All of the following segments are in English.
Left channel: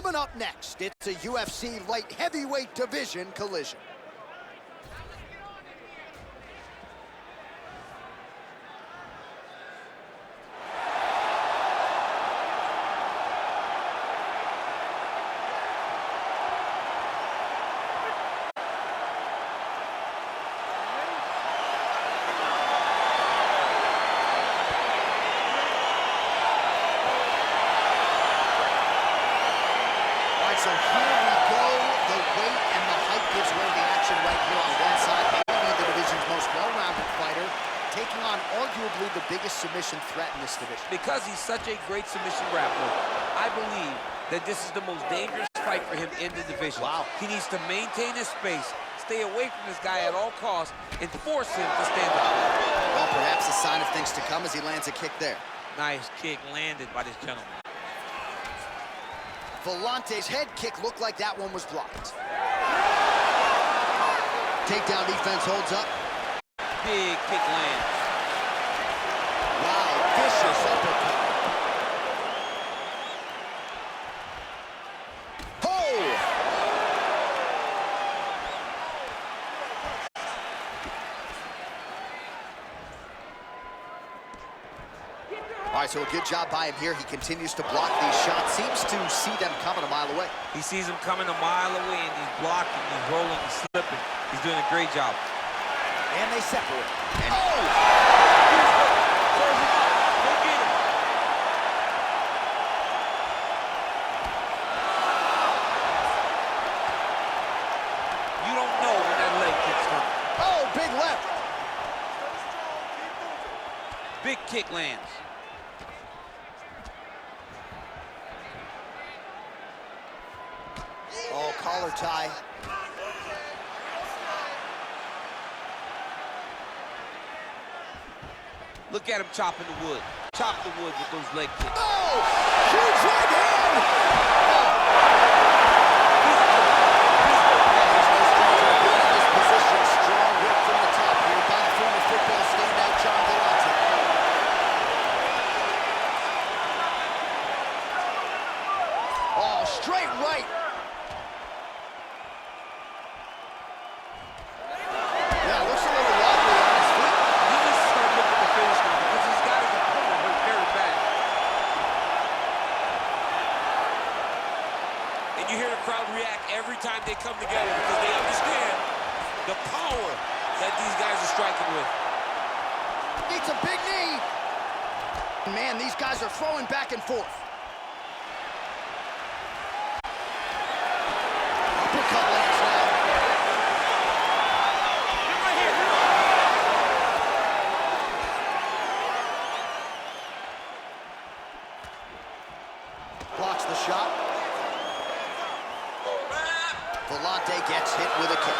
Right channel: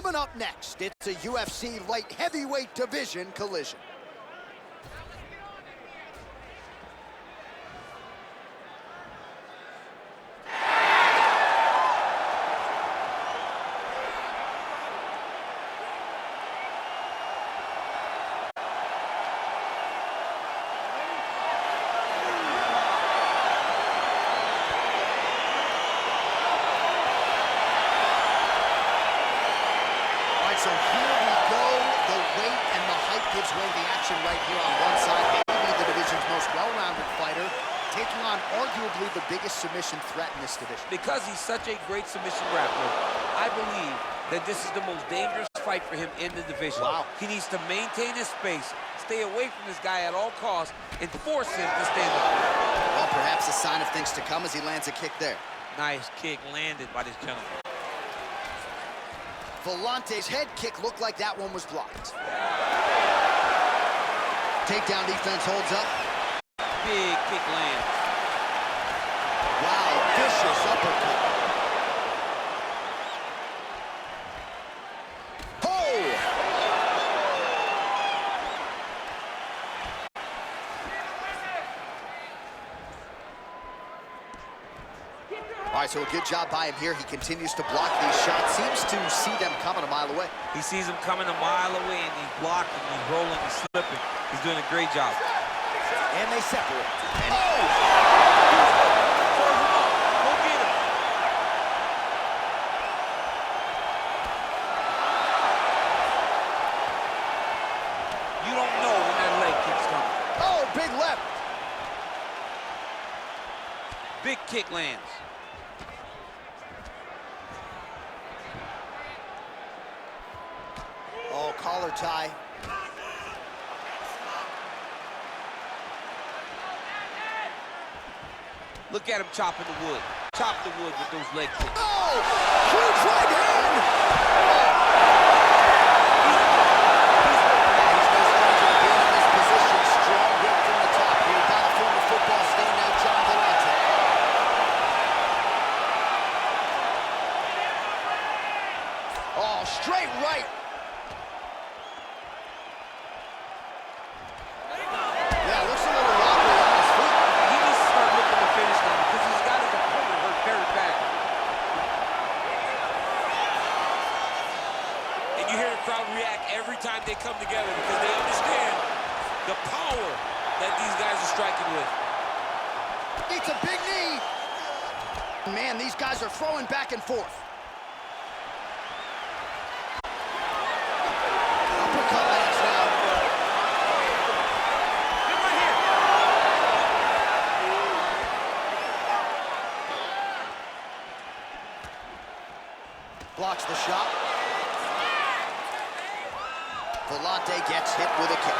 Coming up next, it's a UFC light heavyweight division collision. So here we go. The weight and the height gives way to the action right here on one side. Maybe the division's most well-rounded fighter, taking on arguably the biggest submission threat in this division. Because he's such a great submission grappler, I believe that this is the most dangerous fight for him in the division. Wow. He needs to maintain his space, stay away from this guy at all costs, and force him to stand up. Well, perhaps a sign of things to come as he lands a kick there. Nice kick landed by this gentleman. Volante's head kick looked like that one was blocked. Takedown defense holds up. Big kick lands. Wow, vicious uppercut. All right, so a good job by him here. He continues to block these shots. Seems to see them coming a mile away. He sees them coming a mile away, and he's blocking, he's rolling, he's slipping. He's doing a great job. And they separate. And Serve him up. Go get him. You don't know when that leg kick's coming. Oh, big left. Big kick lands. Oh, collar tie. Look at him chopping the wood. Chop the wood with those leg kicks. Oh, huge right hand. He's no stranger to being in this position. Strong work from the top here by the former football standout, John Volante. Oh, straight right. Yeah, looks a little wobbly on his feet. He needs to start looking to finish now because he's got his opponent hurt very bad. And you hear the crowd react every time they come together because they understand the power that these guys are striking with. It's a big knee. Man, these guys are throwing back and forth. Uppercut lands now. Get right here. Blocks the shot. Volante gets hit with a kick.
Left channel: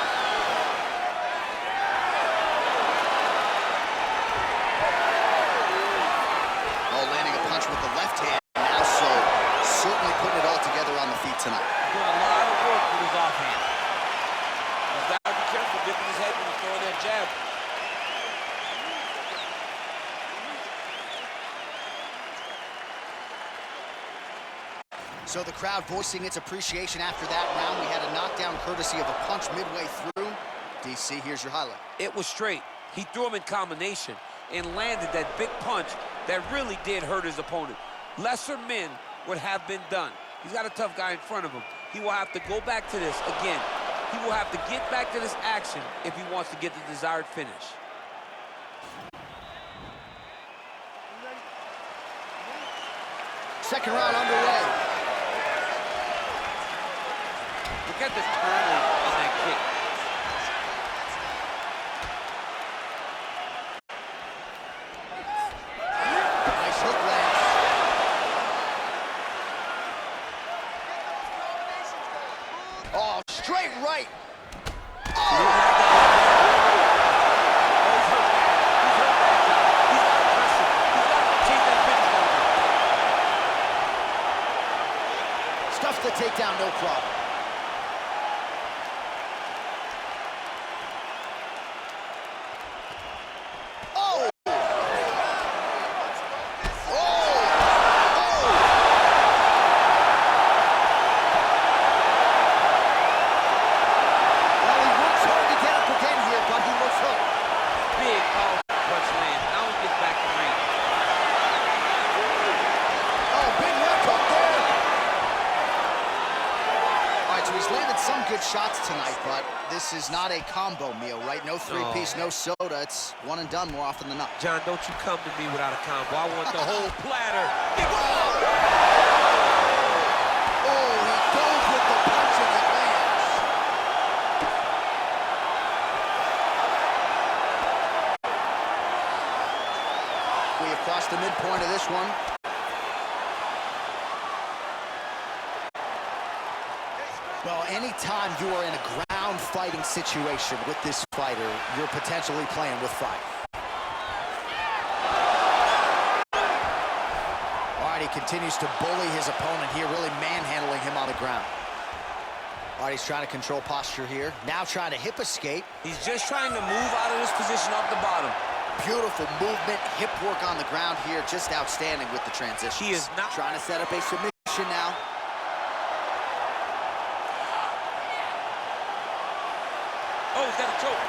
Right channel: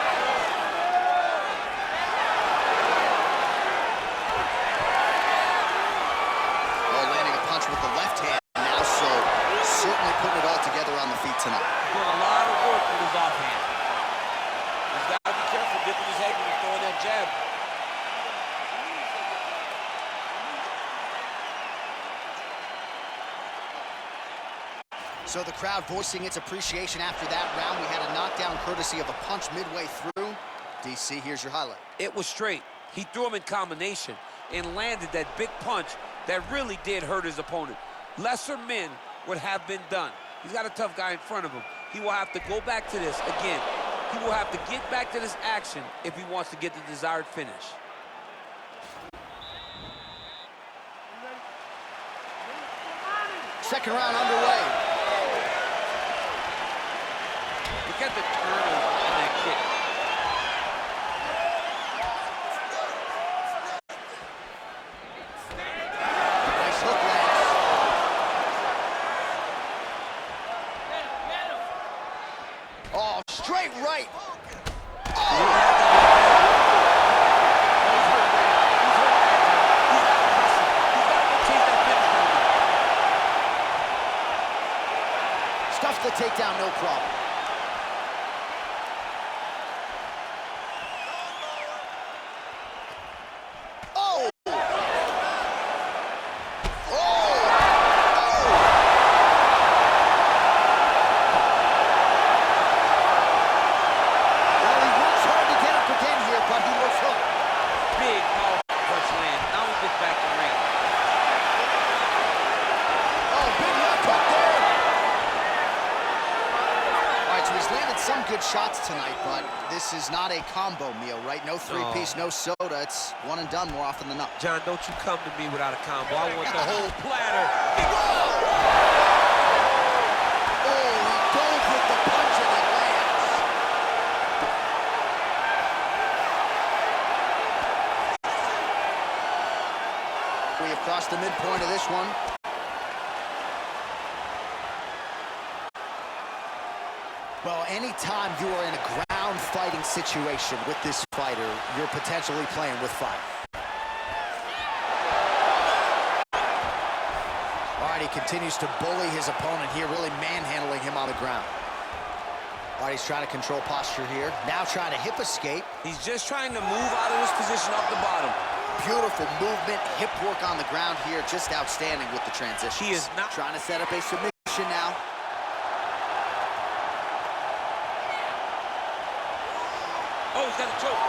Oh, landing a punch with the left hand now, so certainly putting it all together on the feet tonight. Doing a lot of work with his offhand. He's got to be careful dipping his head when he's throwing that jab. So the crowd voicing its appreciation after that round. We had a knockdown courtesy of a punch midway through. DC, here's your highlight. It was straight. He threw him in combination and landed that big punch that really did hurt his opponent. Lesser men would have been done. He's got a tough guy in front of him. He will have to go back to this again. He will have to get back to this action if he wants to get the desired finish. Second round underway. Look at the turnover on that kick. Nice hook lands. Oh, straight right. Oh! He's hurt bad. He's hurt bad, John. He's got to press him. He's got to go chase that finish down there. Stuffs the takedown, no problem. Oh! Oh! Oh! right, so he's landed some good shots tonight, but this is not a combo meal, right? No three-piece, no soda. It's one and done more often than not. John, don't you come to me without a combo. I want the whole platter. Oh, he goes with the punch and it lands. We have crossed the midpoint of this one. Well, anytime you are in a ground fighting situation with this fighter, you're potentially playing with fire. All right, he continues to bully his opponent here, really manhandling him on the ground. All right, he's trying to control posture here. Now trying to hip escape. He's just trying to move out of this position off the bottom. Beautiful movement, hip work on the ground here. Just outstanding with the transition. He is not trying to set up a submission now. Oh, he's got a choke.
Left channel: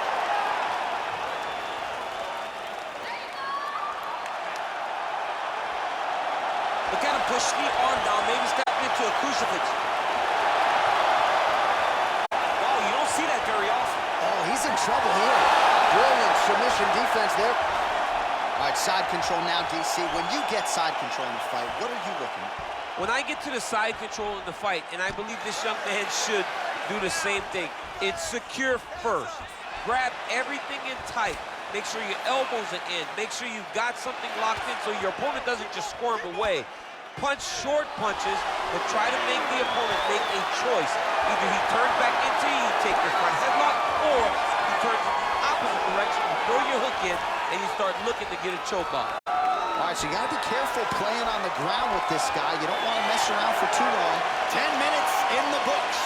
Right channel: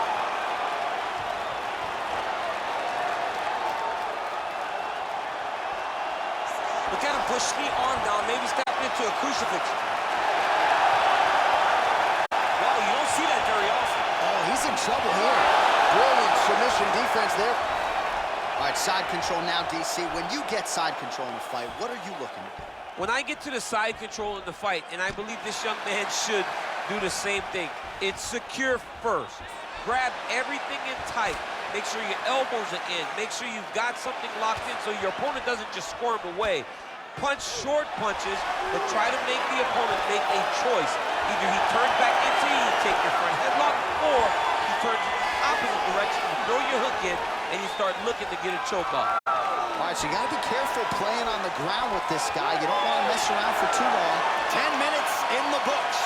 Look at him push the arm down, maybe stepping into a crucifix. Wow, you don't see that very often. Oh, he's in trouble here. Brilliant submission defense there. All right, side control now, DC. When you get side control in the fight, what are you looking at? When I get to the side control in the fight, and I believe this young man should do the same thing, it's secure first. Grab everything in tight. Make sure your elbows are in. Make sure you've got something locked in so your opponent doesn't just squirm away. Punch short punches, but try to make the opponent make a choice. Either he turns back into you, you take your front headlock, or he turns in the opposite direction, you throw your hook in, and you start looking to get a choke off. All right, so you got to be careful playing on the ground with this guy. You don't want to mess around for too long. 10 minutes in the books.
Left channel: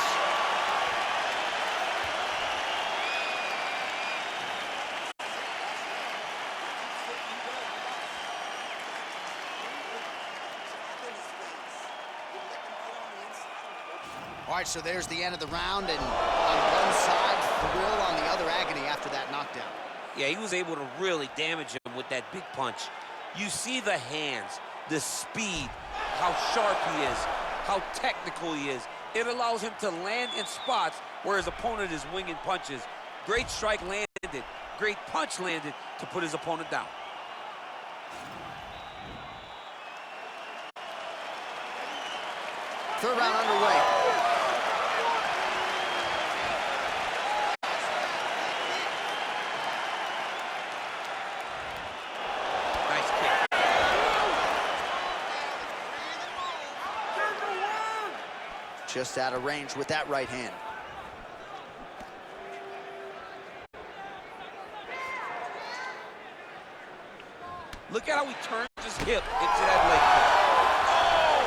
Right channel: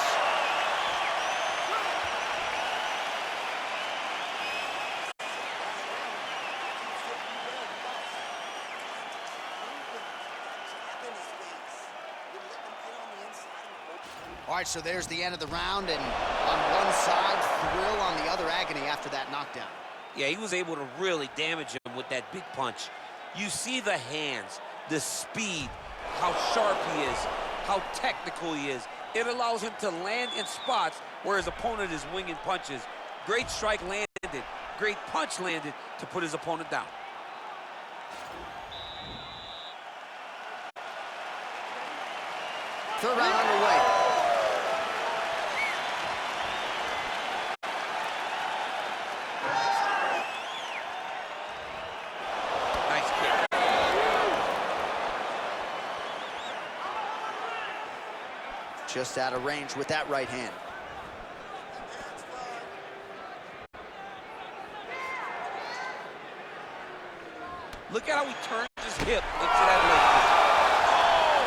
All right, so there's the end of the round, and on one side, thrill, on the other, agony after that knockdown. Yeah, he was able to really damage him with that big punch. You see the hands, the speed, how sharp he is, how technical he is. It allows him to land in spots where his opponent is winging punches. Great strike landed, great punch landed to put his opponent down. Third round underway. Nice kick. Just out of range with that right hand. Look at how he turns his hip into that leg kick. Oh!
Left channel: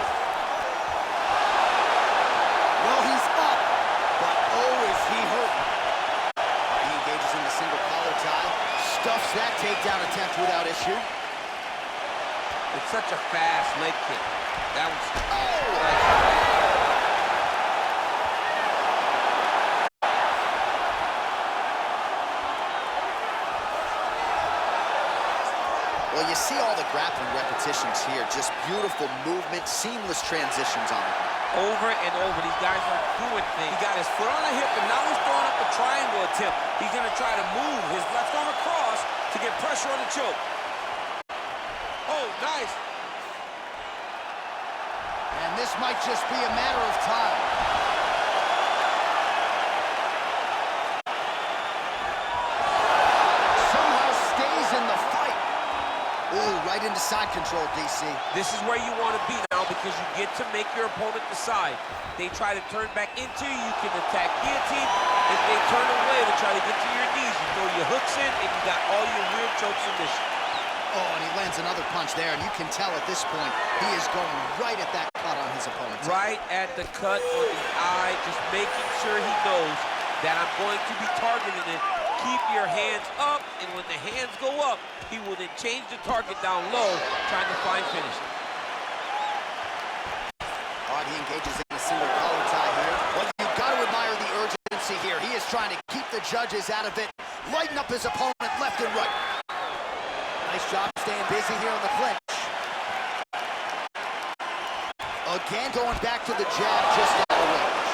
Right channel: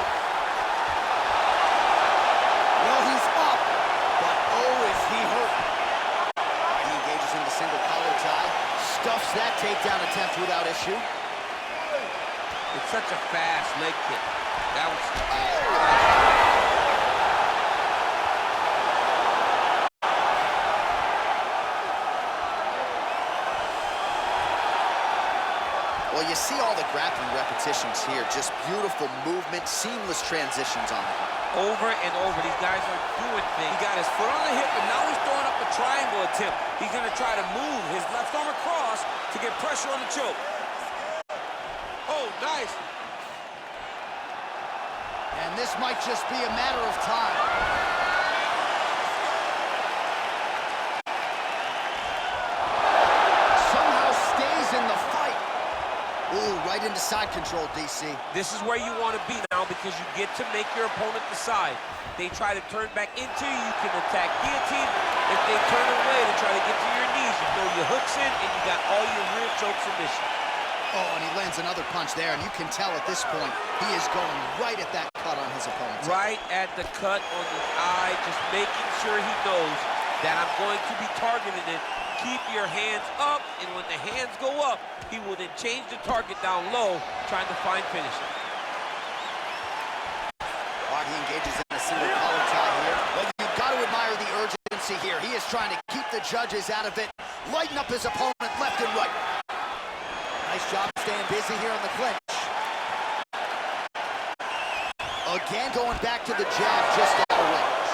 Well, he's up, but oh, is he hurt. All right, he engages in the single collar tie. Stuffs that takedown attempt without issue. It's such a fast leg kick. That was... Well, you see all the grappling repetitions here. Just beautiful movement, seamless transitions on it. Over and over, these guys are doing things. He got his foot on the hip, and now he's throwing up a triangle attempt. He's gonna try to move his left arm across to get pressure on the choke. Oh, nice. And this might just be a matter of time. Somehow stays in the fight. Ooh, right into side control, DC. This is where you want to be now because you get to make your opponent decide. They try to turn back into you, you can attack guillotine. If they turn away to try to get to your knees, you throw your hooks in and you got all your rear choke submission. Oh, and he lands another punch there, and you can tell at this point he is going right at that cut on his opponent. Right at the cut on the eye, just making sure he knows that I'm going to be targeting it. Keep your hands up, and when the hands go up, he will then change the target down low, trying to find finishes. All right, he engages in a single collar tie here. Well, you've got to admire the urgency here. He is trying to keep the judges out of it, lighten up his opponent left and right. Nice job staying busy here on the clinch. Again, going back to the jab just out of range.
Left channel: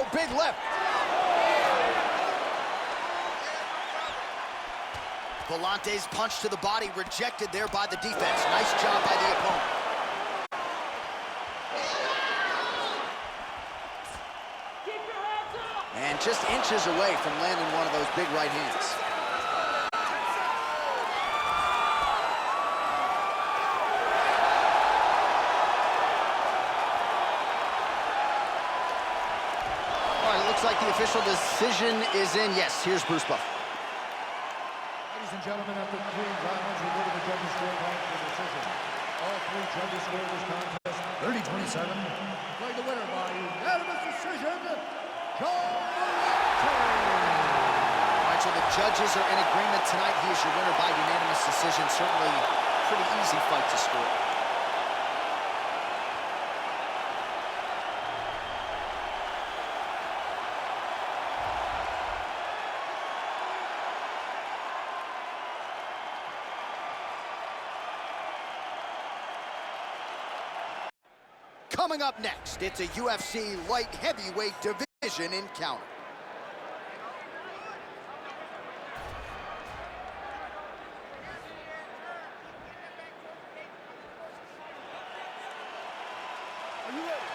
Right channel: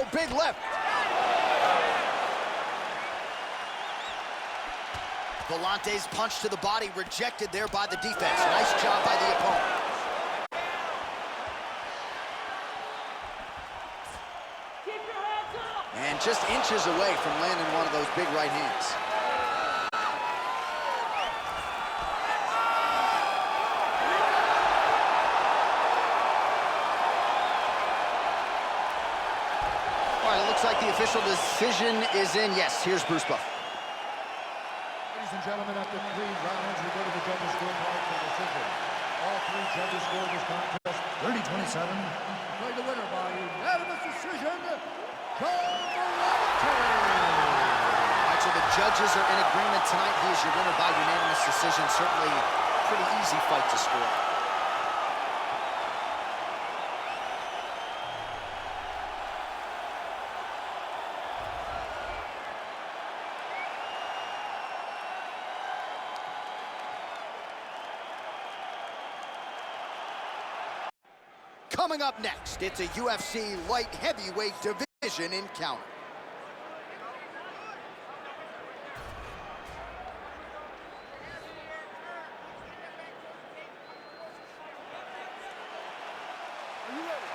Oh, big left. Volante's punch to the body rejected there by the defense. Nice job by the opponent. And just inches away from landing one of those big right hands. All right, it looks like the official decision is in. Yes, here's Bruce Buff. Ladies and gentlemen, after 3 rounds, we go to the judges' scorecard for decision. All 3 judges scored this contest 30-27. Declared the winner by unanimous decision, John Volante. All right, so the judges are in agreement tonight. He is your winner by unanimous decision. Certainly pretty easy fight to score. Coming up next, it's a UFC light heavyweight division encounter. Are you ready?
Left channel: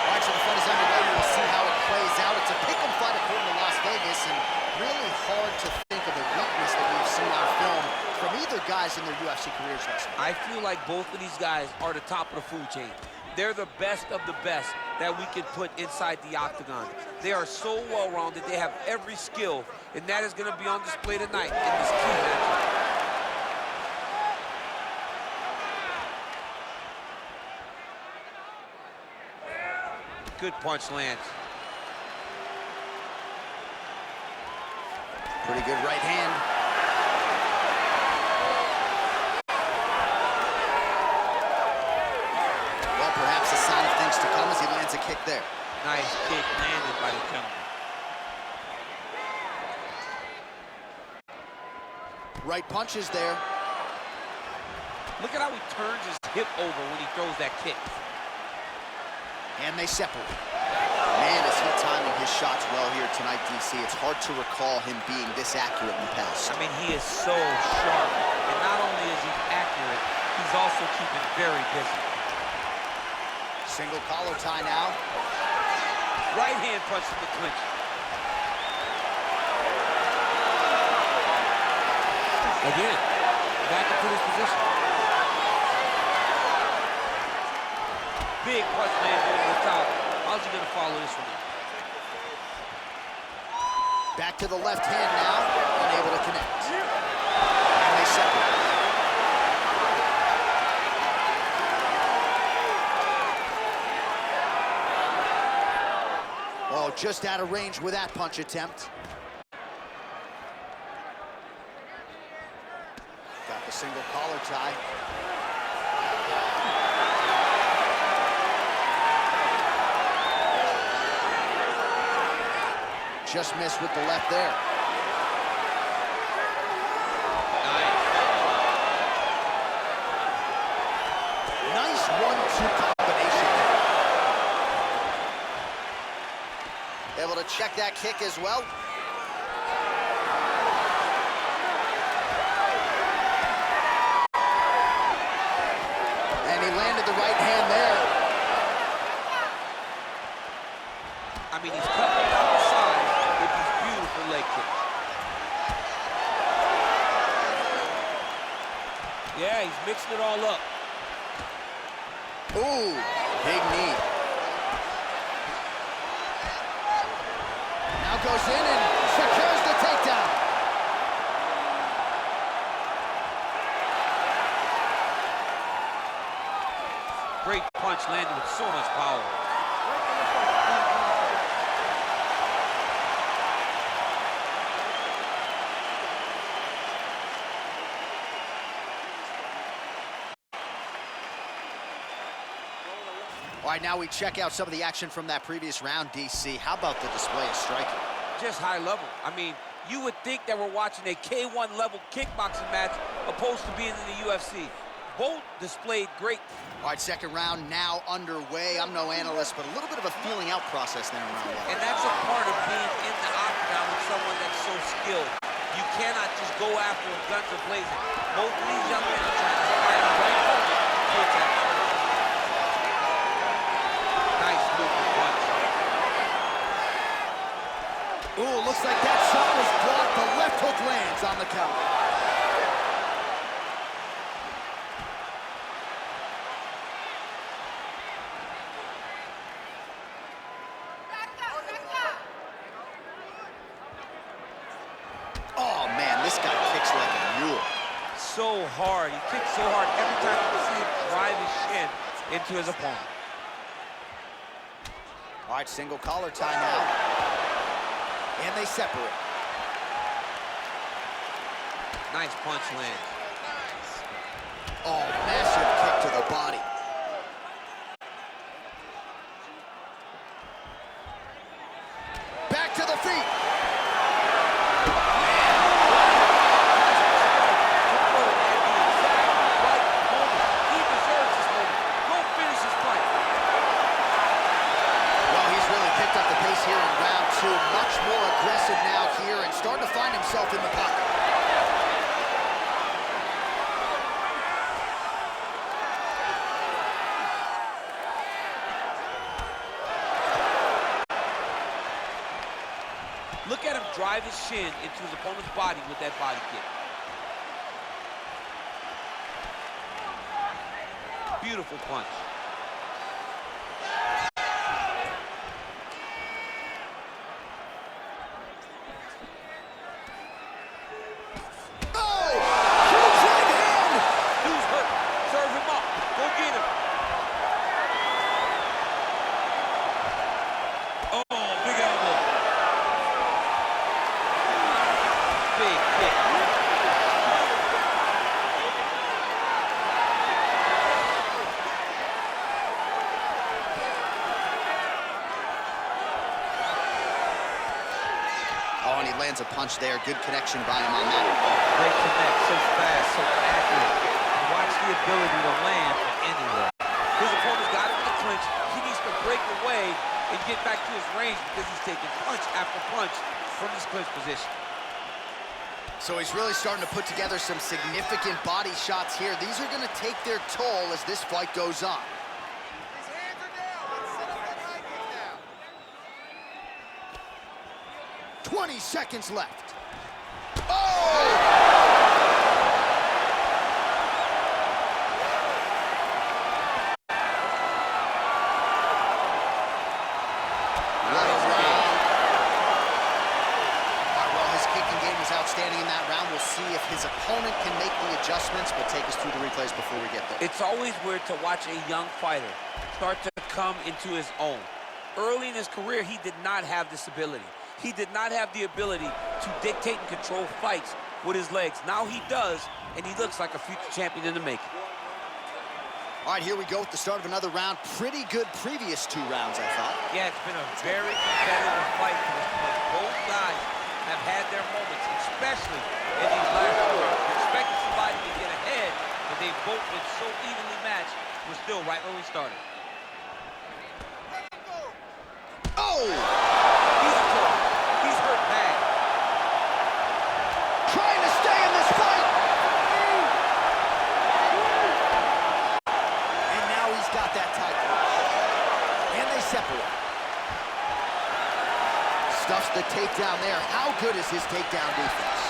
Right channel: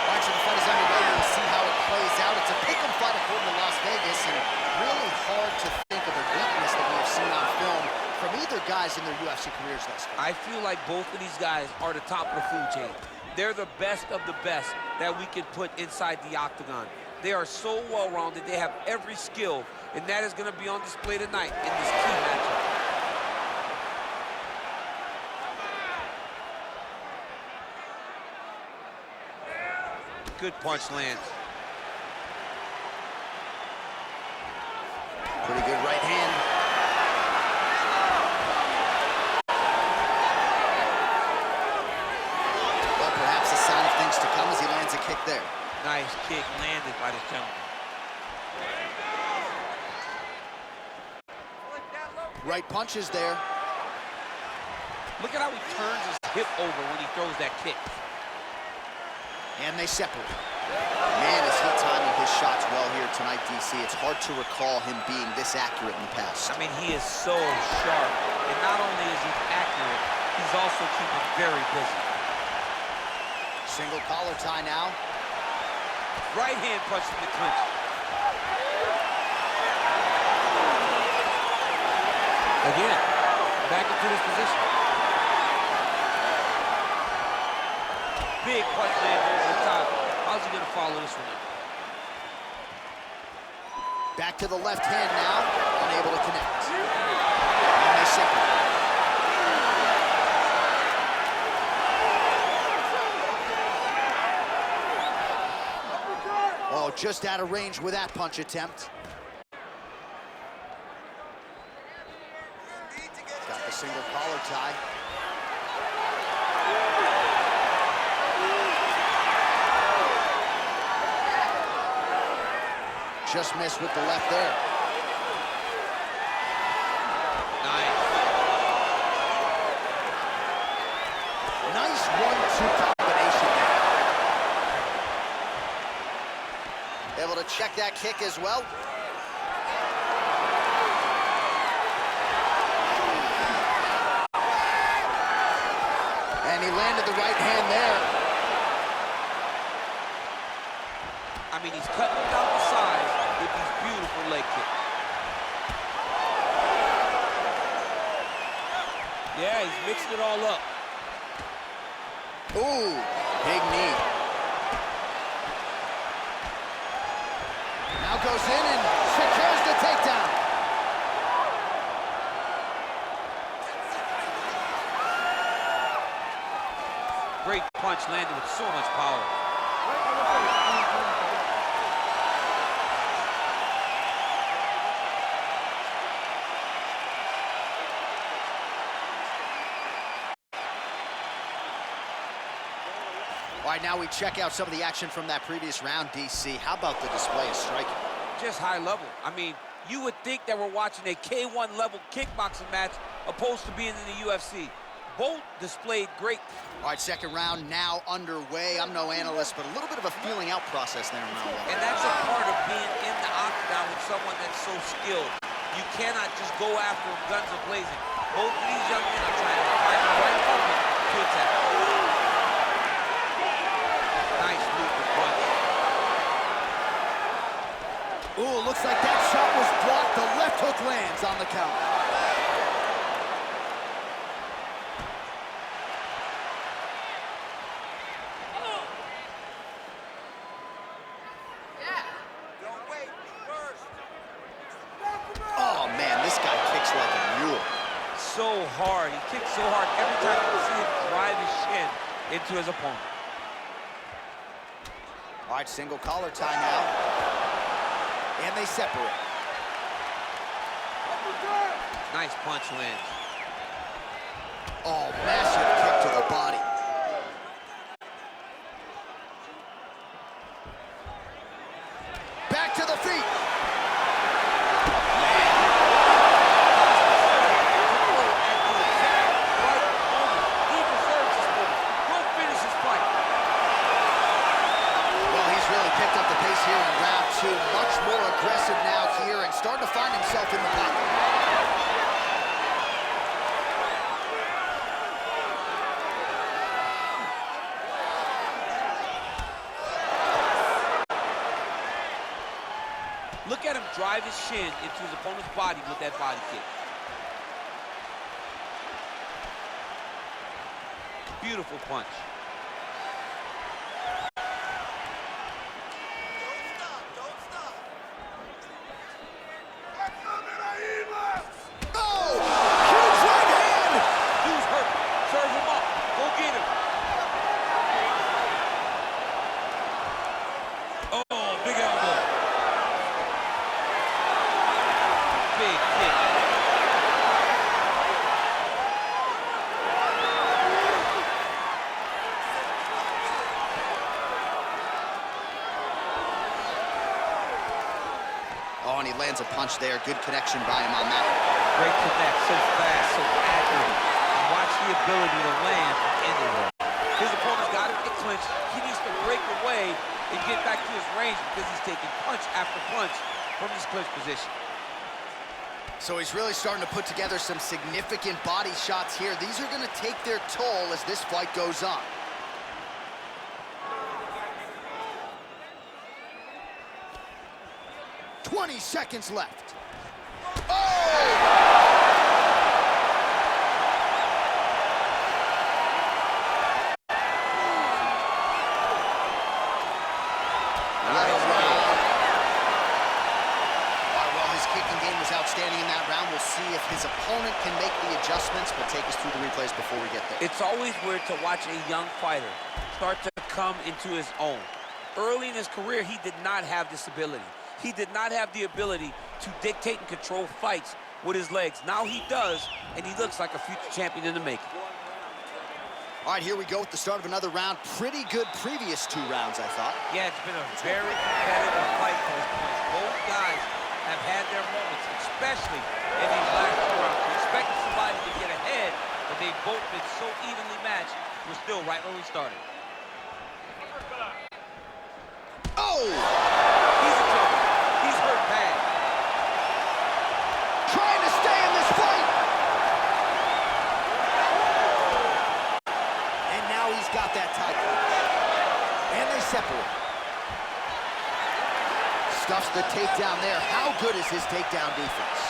All right, so the fight is underway. We'll see how it plays out. It's a pick-em fight according to Las Vegas, and really hard to think of a weakness that we've seen on film from either guys in their UFC careers thus far. I feel like both of these guys are the top of the food chain. They're the best of the best that we can put inside the octagon. They are so well-rounded. They have every skill, and that is going to be on display tonight in this key matchup. Good punch lands. Pretty good right hand. Well, perhaps a sign of things to come as he lands a kick there. Nice kick landed by the gentleman. Right punches there. Look at how he turns his hip over when he throws that kick. And they separate. Man, is he timing his shots well here tonight, DC. It's hard to recall him being this accurate in the past. I mean, he is so sharp. And not only is he accurate, he's also keeping very busy. Single collar tie now. Right hand punch in the clinch. Again, back into this position. Big punch lands over the top. How's he gonna follow this one up? Back to the left hand now, unable to connect. And they separate. Oh, just out of range with that punch attempt. Got the single collar tie. Just missed with the left there. Nice. Nice 1-2 combination there. Able to check that kick as well. And he landed the right hand there. I mean, he's cutting him down the sides with these beautiful leg kicks. Yeah, he's mixing it all up. Ooh, big knee. Now goes in and secures the takedown. Great punch landed with so much power. All right, now we check out some of the action from that previous round, DC. How about the display of striking? Just high level. I mean, You would think that we're watching a K1 level kickboxing match opposed to being in the UFC. Both displayed great. All right, second round now underway. I'm no analyst, but a little bit of a feeling out process there in round one. And that's a part of being in the octagon with someone that's so skilled. You cannot just go after them guns a-blazing. Both of these young men are trying to find the right moment to attack. Nice movement punch. Ooh, looks like that shot was blocked. The left hook lands on the counter. Oh, man, this guy kicks like a mule. So hard. He kicks so hard every time you see him drive his shin into his opponent. All right, single collar tie now. And they separate. Nice punch lands. Oh, massive kick to the body. Back to the feet. Picked up the pace here in round two. Much more aggressive now here and starting to find himself in the pocket. Look at him drive his shin into his opponent's body with that body kick. Beautiful punch. Oh, and he lands a punch there. Good connection by him on that. Great connect, so fast, so accurate. And watch the ability to land from anywhere. His opponent's got him in the clinch. He needs to break away and get back to his range because he's taking punch after punch from his clinch position. So he's really starting to put together some significant body shots here. These are going to take their toll as this fight goes on. "20 seconds left. Oh! Outstanding in that round. We'll see if his opponent can make the adjustments, but take us through the replays before we get there. It's always weird to watch a young fighter start to come into his own. Early in his career, he did not have this ability. He did not have the ability to dictate and control fights with his legs. Now he does, and he looks like a future champion in the making. All right, here we go at the start of another round. Pretty good previous two rounds, I thought. Yeah, it's been a very competitive fight to this point. Both guys have had their moments, especially in these last two rounds. We expected somebody to get ahead, but they've both been so evenly matched. We're still right where we started. Oh! He's in trouble. He's hurt bad. Trying to stay in this fight! And now he's got that tie clinch. And they separate. Stuffs the takedown there. How good is his takedown defense?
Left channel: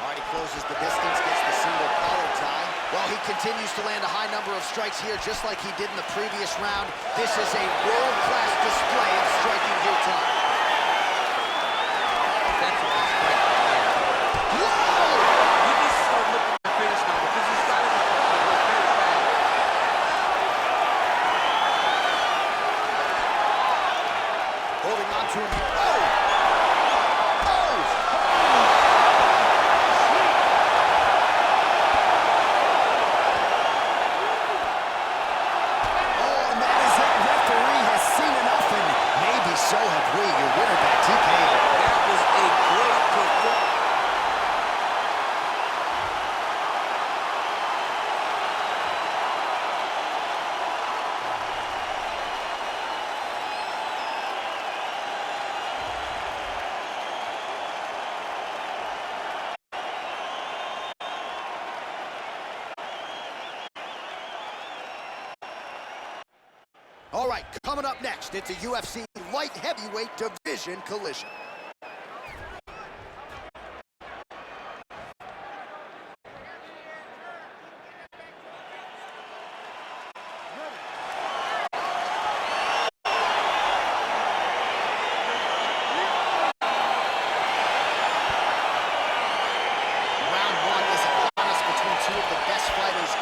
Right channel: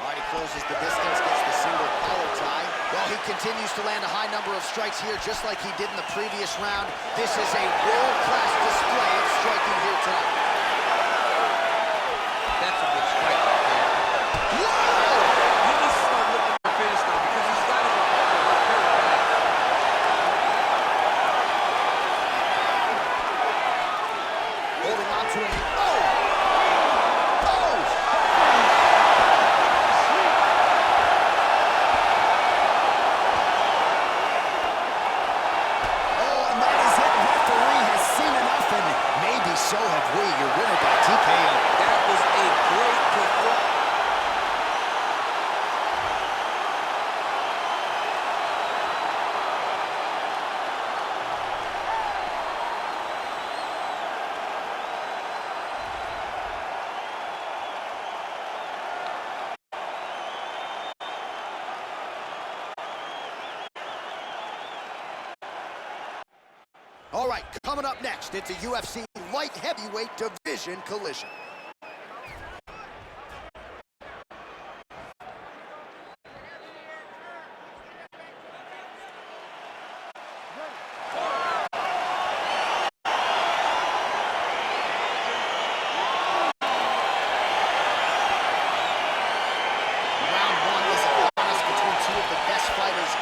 All right, he closes the distance, gets the single collar tie. Well, he continues to land a high number of strikes here, just like he did in the previous round. This is a world-class display of striking here tonight. That's a good strike right there. Whoa! He needs to start looking for finish now because he's got his opponent hurt very bad. Holding on to him. Oh! Oh! Oh, and that is it. Referee has seen enough, and maybe so have we. You're right, coming up next, it's a UFC light heavyweight division collision.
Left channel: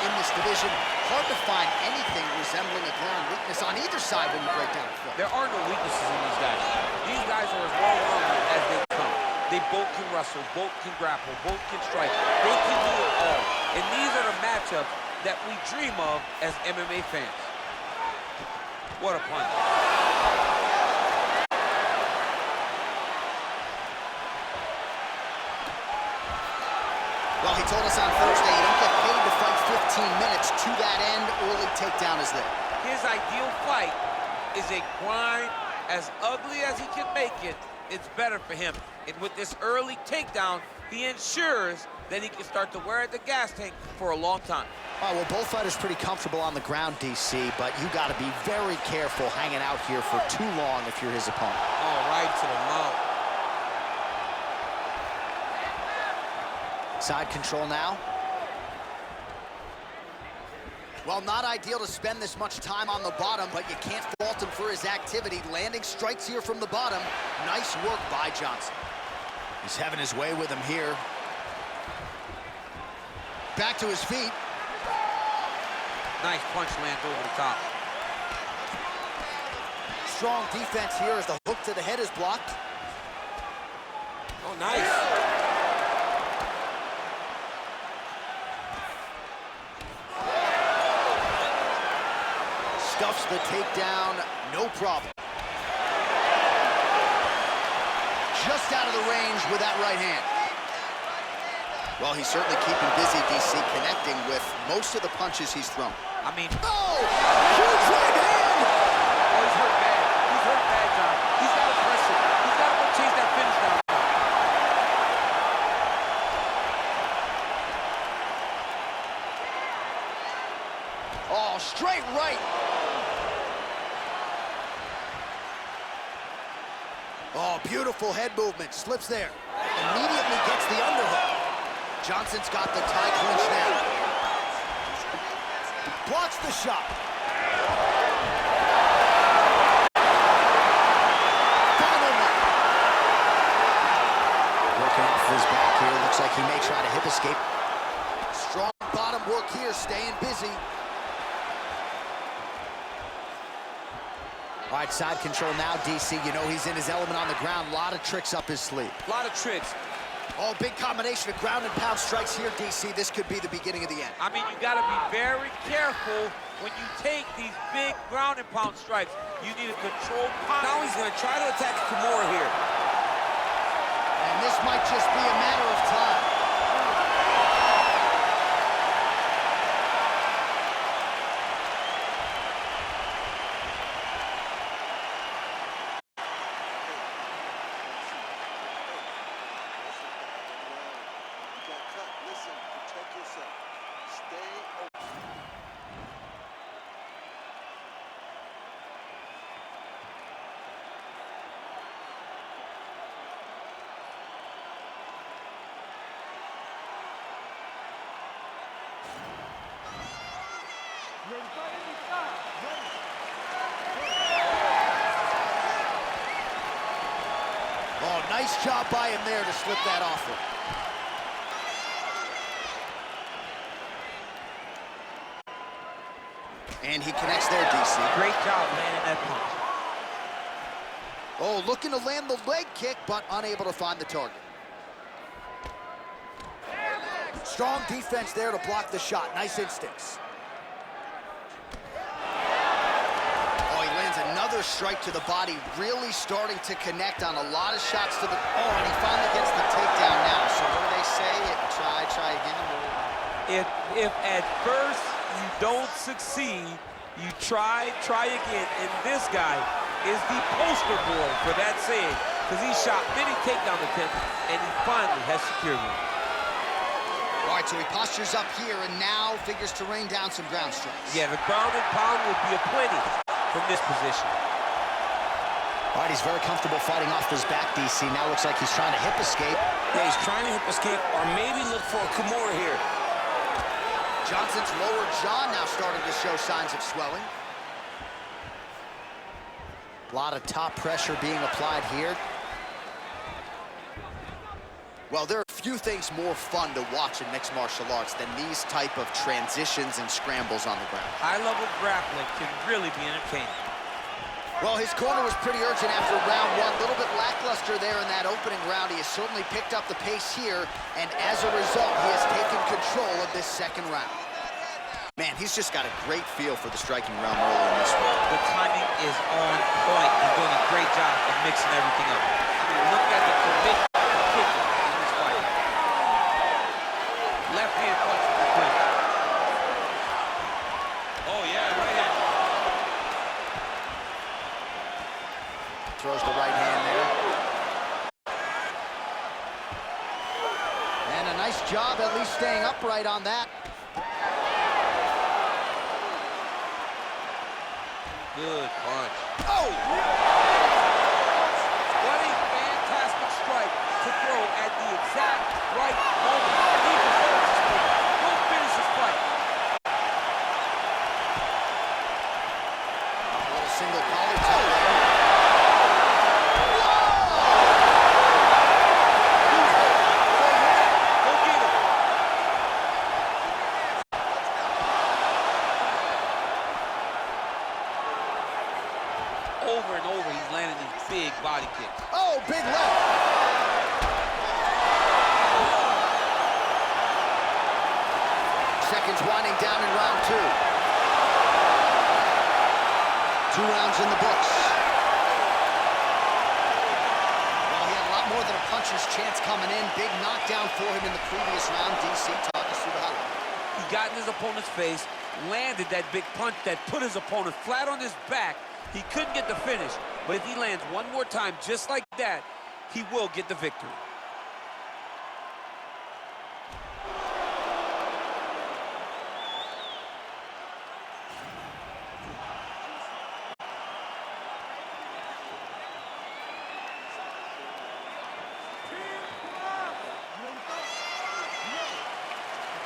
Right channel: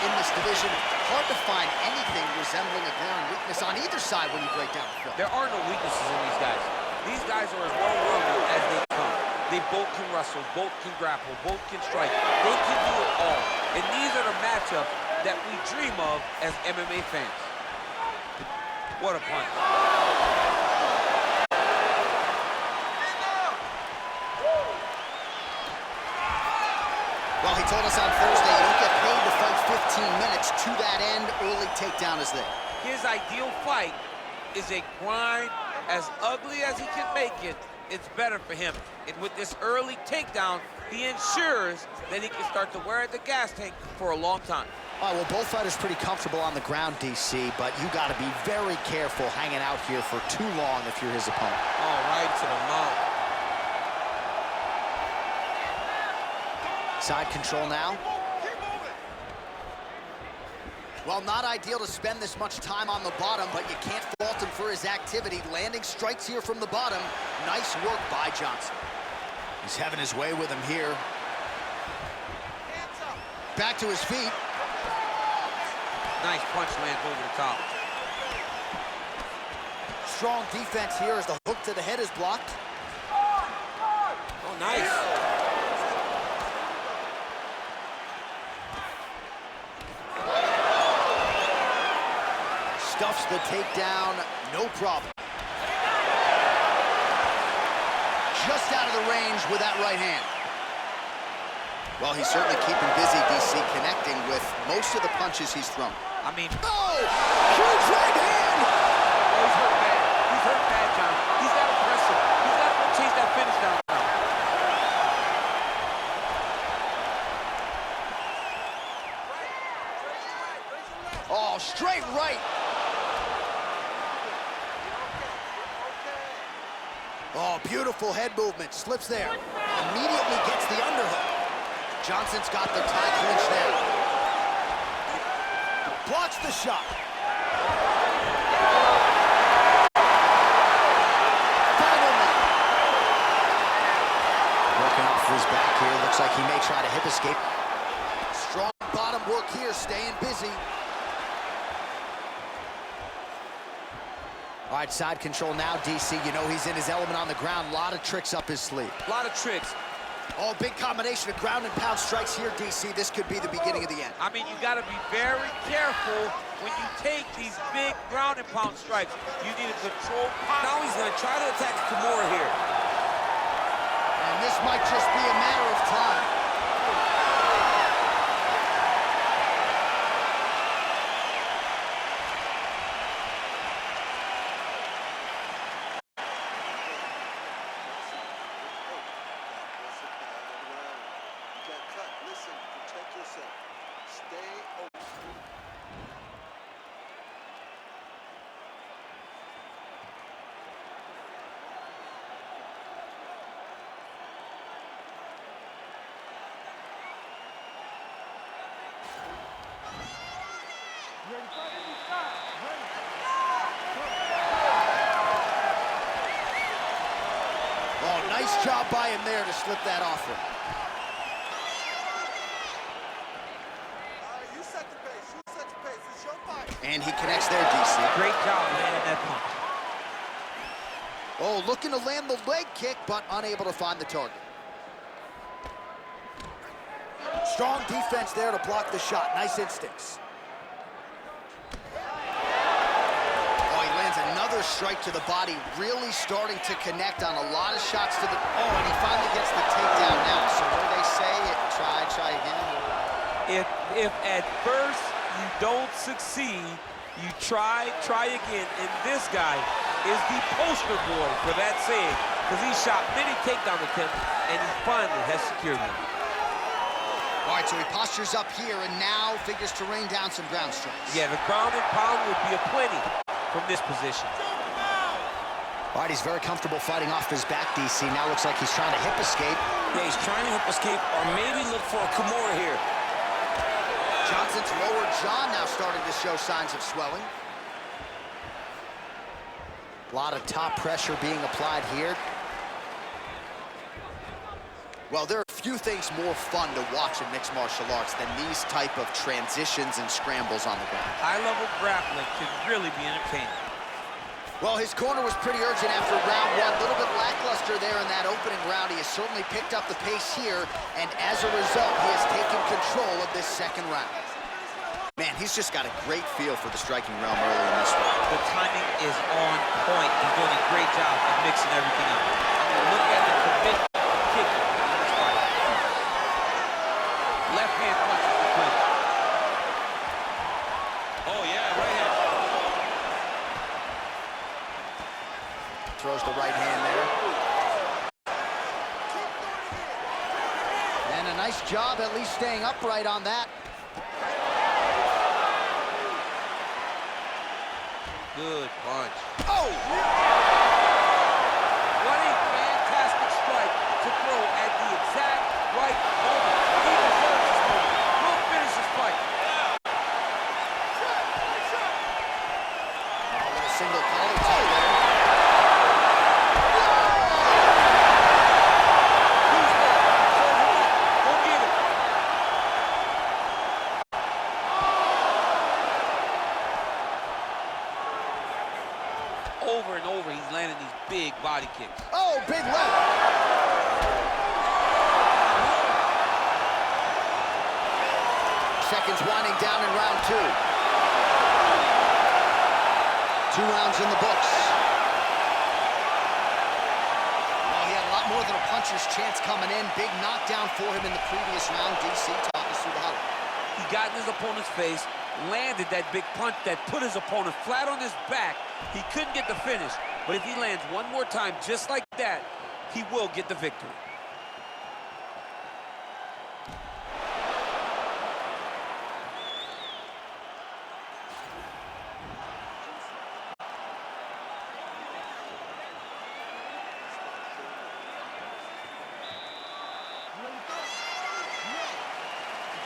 In this division, hard to find anything resembling a glaring weakness on either side when you break down the film. There are no weaknesses in these guys. These guys are as well-rounded as they come. They both can wrestle, both can grapple, both can strike. They can do it all. And these are the matchups that we dream of as MMA fans. What a punch. Well, he told us on Thursday you don't get paid to fight 15 minutes. To that end, early takedown is there. His ideal fight is a grind. As ugly as he can make it, it's better for him. And with this early takedown, he ensures that he can start to wear at the gas tank for a long time. All right, well, both fighters pretty comfortable on the ground, DC, but you got to be very careful hanging out here for too long if you're his opponent. Oh, right to the mount. Side control now. Well, not ideal to spend this much time on the bottom, but you can't fault him for his activity. Landing strikes here from the bottom. Nice work by Johnson. He's having his way with him here. Back to his feet. Nice punch lands over the top. Strong defense here as the hook to the head is blocked. Oh, nice. Stuffs the takedown, no problem. Just out of the range with that right hand. Well, he's certainly keeping busy, DC, connecting with most of the punches he's thrown. I mean... Oh! Huge right hand! Oh, he's hurt bad. He's hurt bad, John. He's got to press him. He's got to go chase that finish down. Oh, straight right. Oh, beautiful head movement. Slips there. Immediately gets the underhook. Johnson's got the tie clinch now. Blocks the shot. Final one. Working off his back here. Looks like he may try to hip escape. Strong bottom work here, staying busy. All right, side control now, DC. You know he's in his element on the ground. A lot of tricks up his sleeve. A lot of tricks. Oh, big combination of ground and pound strikes here, DC. This could be the beginning of the end. I mean, you got to be very careful when you take these big ground and pound strikes. You need a controlled pound. Now he's going to try to attack Kimura here. And this might just be a matter of time. Oh, nice job by him there to slip that offer. And he connects there, DC. Great job landing that punch. Oh, looking to land the leg kick, but unable to find the target. Strong defense there to block the shot. Nice instincts. Oh, he lands another strike to the body, really starting to connect on a lot of shots to the... Oh, and he finally gets the takedown now. So what do they say? Try again? If at first you don't succeed, you try again. And this guy is the poster boy for that saying, because he shot many takedown attempts, and he finally has secured one. All right, so he postures up here and now figures to rain down some ground strikes. Yeah, the ground and pound would be a plenty. from this position. All right, he's very comfortable fighting off his back, DC. Now looks like he's trying to hip escape. Yeah, he's trying to hip escape or maybe look for a Kimura here. Johnson's lower jaw now starting to show signs of swelling. A lot of top pressure being applied here. Well, there are few things more fun to watch in mixed martial arts than these type of transitions and scrambles on the ground. High-level grappling can really be entertaining. Well, his corner was pretty urgent after round one. A little bit lackluster there in that opening round. He has certainly picked up the pace here, and as a result, he has taken control of this second round. Man, he's just got a great feel for the striking realm early in this one. The timing is on point. He's doing a great job of mixing everything up. I mean, look at the commitment to kicking in this fight. Left hand punch with the quick. Oh, yeah, right hand. Throws the right hand there. And a nice job at least staying upright on that. Good punch. Oh! What a fantastic strike to throw at the exact right moment. He deserves this moment. We'll finish this fight. A little single collar toe there. Over and over, he's landing these big body kicks. Oh, big left. Seconds winding down in round two. 2 rounds in the books. Well, he had a lot more than a puncher's chance coming in. Big knockdown for him in the previous round. DC, talk us through the highlight. He got in his opponent's face, landed that big punch that put his opponent flat on his back. He couldn't get the finish, but if he lands one more time just like that, he will get the victory.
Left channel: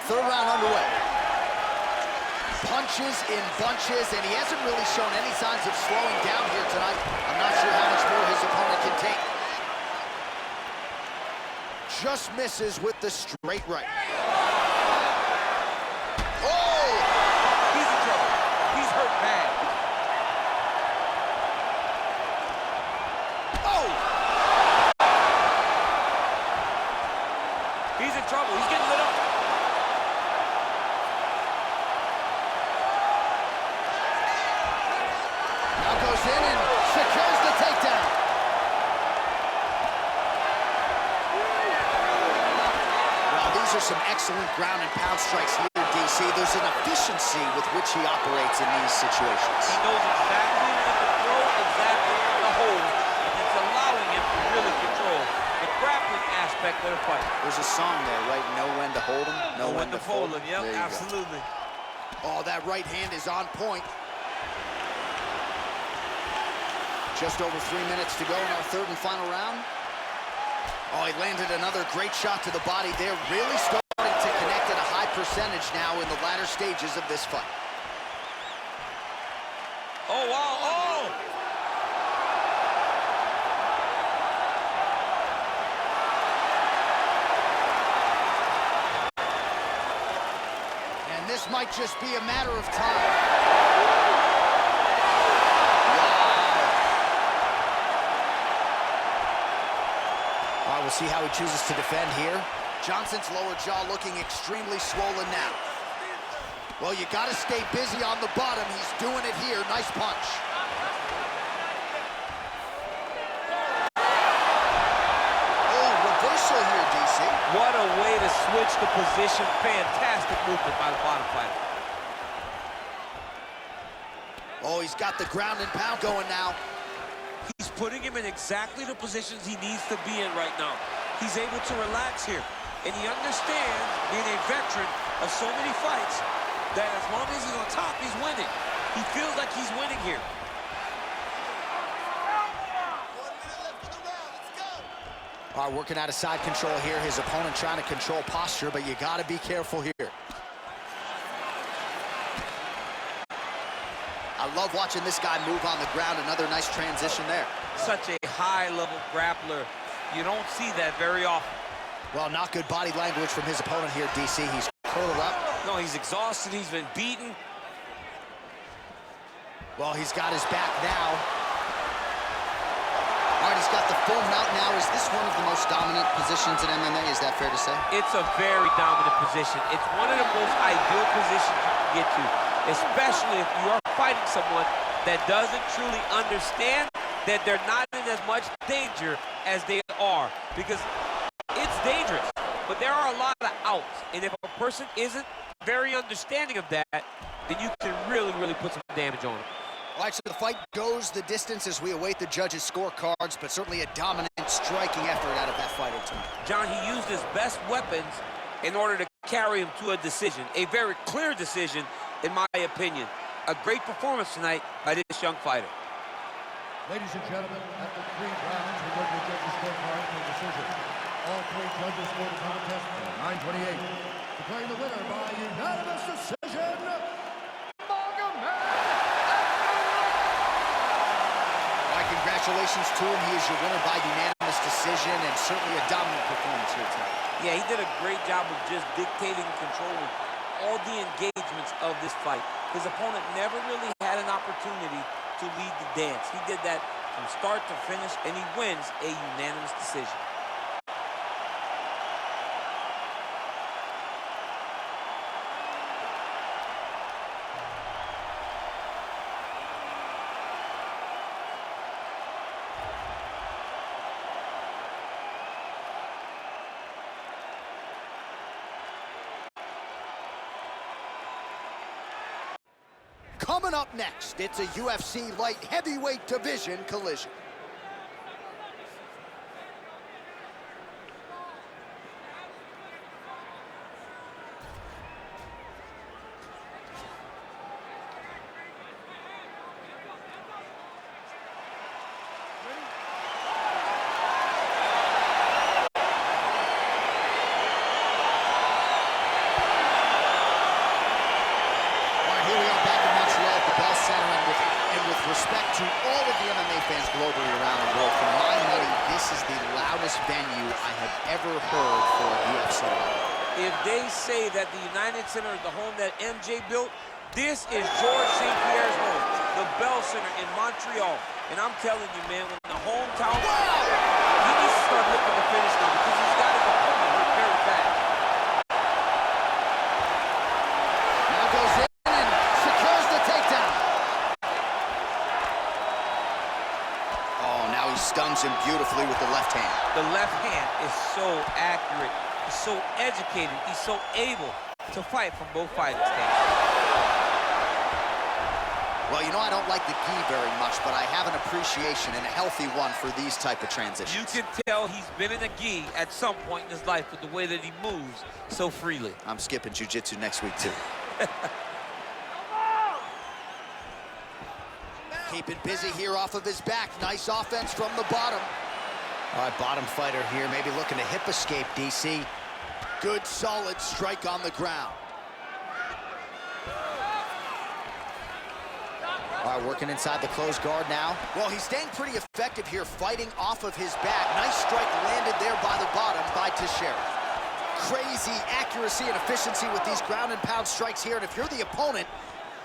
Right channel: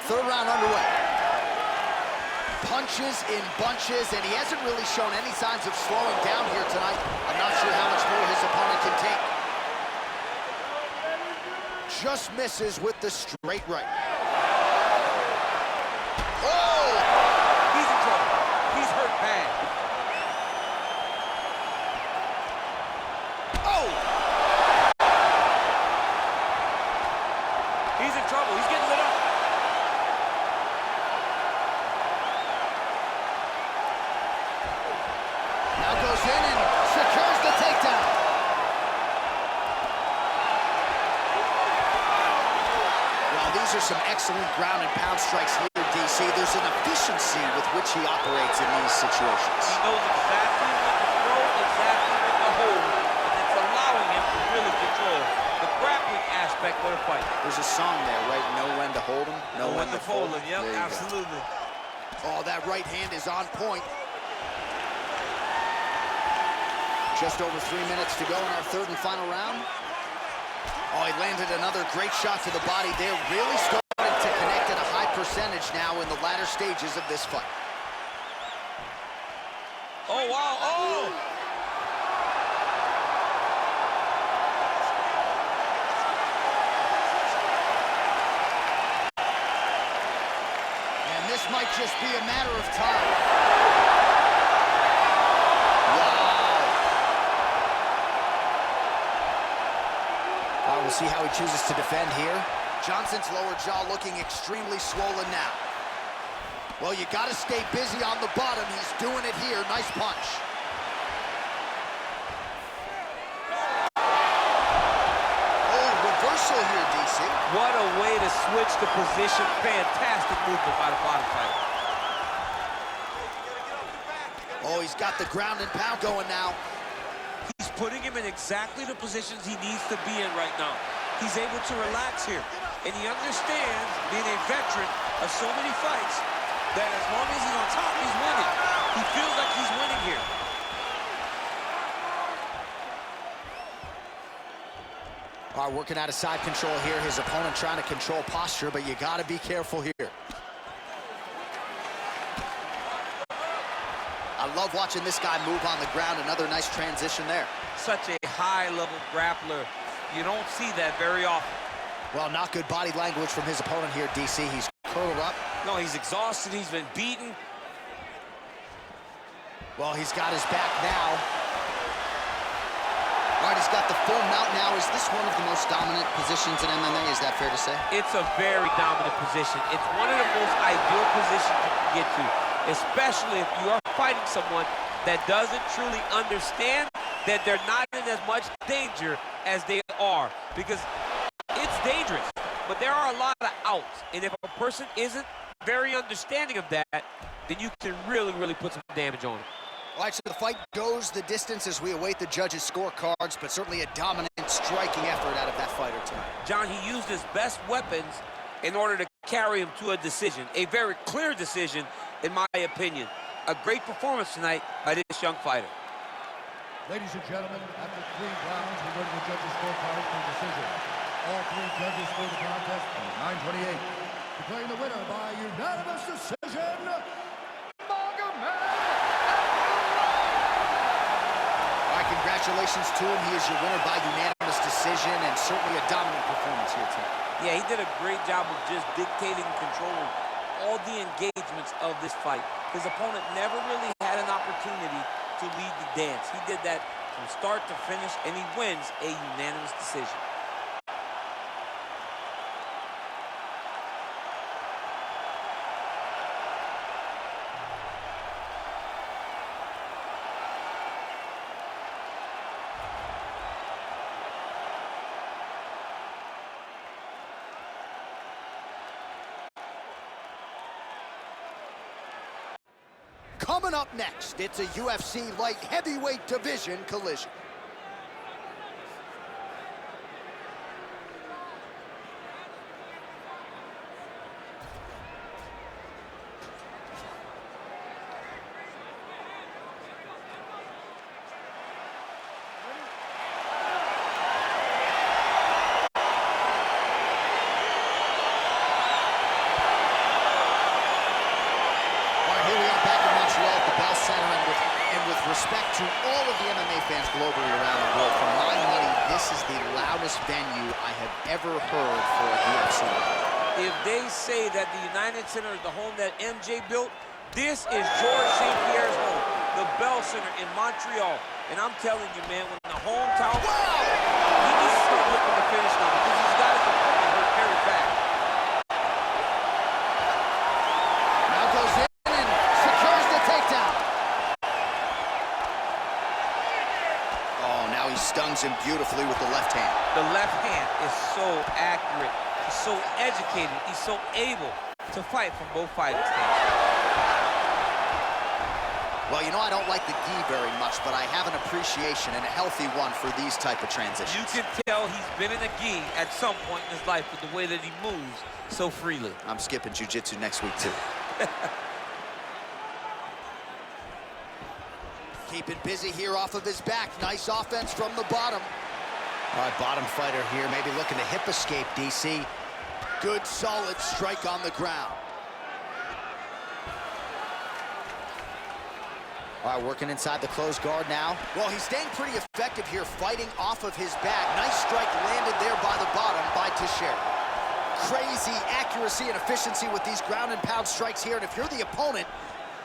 Third round underway. Punches in bunches, and he hasn't really shown any signs of slowing down here tonight. I'm not sure how much more his opponent can take. Just misses with the straight right. Oh! He's in trouble. He's hurt bad. Oh! He's in trouble. He's getting lit up. Now goes in and secures the takedown. Well, these are some excellent ground and pound strikes here, DC. There's an efficiency with which he operates in these situations. He knows exactly when to throw, exactly when to hold, and it's allowing him to really control the grappling aspect of the fight. There's a song there, right? Know when to hold him, know when to fold him. Yep, There you go. absolutely. Oh, that right hand is on point. Just over 3 minutes to go in our third and final round. Oh, he landed another great shot to the body there. Really starting to connect at a high percentage now in the latter stages of this fight. Oh, wow, oh! And this might just be a matter of time. All right, we'll see how he chooses to defend here. Johnson's lower jaw looking extremely swollen now. Well, you got to stay busy on the bottom. He's doing it here. Nice punch. Oh, reversal here, DC. What a way to switch the position. Fantastic movement by the bottom fighter. Oh, he's got the ground and pound going now. He's putting him in exactly the positions he needs to be in right now. He's able to relax here. And he understands, being a veteran of so many fights, that as long as he's on top, he's winning. He feels like he's winning here. All right, working out of side control here. His opponent trying to control posture, but you got to be careful here. I love watching this guy move on the ground. Another nice transition there. Such a high-level grappler. You don't see that very often. Well, not good body language from his opponent here, DC. He's curled up. No, he's exhausted. He's been beaten. Well, he's got his back now. All right, he's got the full mount now. Is this one of the most dominant positions in MMA? Is that fair to say? It's a very dominant position. It's one of the most ideal positions you can get to, especially if you are fighting someone that doesn't truly understand that they're not in as much danger as they are, because it's dangerous, but there are a lot of outs, and if a person isn't very understanding of that, then you can really put some damage on them. All right, so the fight goes the distance as we await the judges' scorecards, but certainly a dominant striking effort out of that fighter tonight. John, he used his best weapons in order to carry him to a decision, a very clear decision, in my opinion. A great performance tonight by this young fighter. Ladies and gentlemen, after 3 rounds, we go to the judges' scorecards for decision. All 3 judges scored the contest in 9:28. Declaring the winner by unanimous decision, All right, congratulations to him. He is your winner by unanimous decision, and certainly a dominant performance here tonight. Yeah, he did a great job of just dictating and controlling all the engagements of this fight. His opponent never really had an opportunity to lead the dance. He did that from start to finish, and he wins a unanimous decision. Coming up next, it's a UFC light heavyweight division collision. Respect to all of the MMA fans globally around the world. For my money, this is the loudest venue I have ever heard for a UFC fight. If they say that the United Center is the home that MJ built, this is George St. Pierre's home, the Bell Center in Montreal. And I'm telling you, man, when the hometown... Wow! He needs to start looking to finish now because he's got his opponent hurt very bad. Now goes in and secures the takedown. Oh, now he stuns him beautifully with the left hand. The left hand is so accurate. He's so educated. He's so able to fight from both fighting stances. Well, you know, I don't like the gi very much, but I have an appreciation, and a healthy one, for these type of transitions. You can tell he's been in a gi at some point in his life with the way that he moves so freely. I'm skipping jiu-jitsu next week, too. Keep it busy here off of his back. Nice offense from the bottom. All right, bottom fighter here, maybe looking to hip escape, DC. Good, solid strike on the ground. All right, working inside the closed guard now. Well, he's staying pretty effective here, fighting off of his back. Nice strike landed there by the bottom by Teixeira. Crazy accuracy and efficiency with these ground and pound strikes here, and if you're the opponent,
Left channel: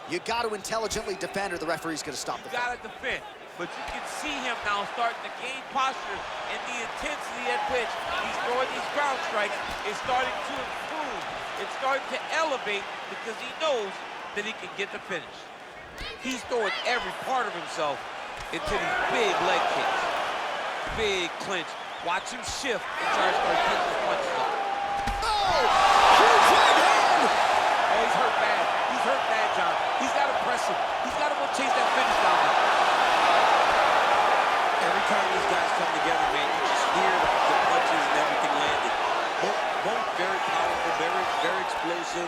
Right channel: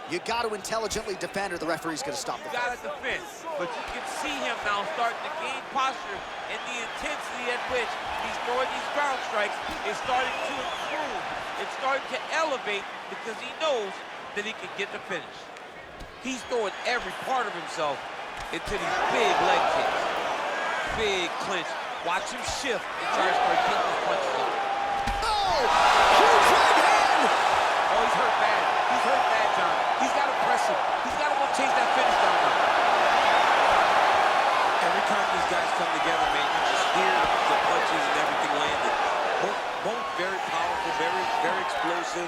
you got to intelligently defend, or the referee's going to stop the fight. You got to defend, but you can see him now starting to gain posture, and the intensity at which he's throwing these ground strikes is starting to improve. It's starting to elevate because he knows that he can get the finish. He's throwing every part of himself into these big leg kicks. Big clinch. Watch him shift and try to start getting his punches off. Oh! Huge right hand! Oh, he's hurt bad. He's hurt bad, John. He's got to press him. He's got to go chase that finish down now. Every time these guys come together, man, you just hear the punches and everything landed. Both very powerful, very explosive.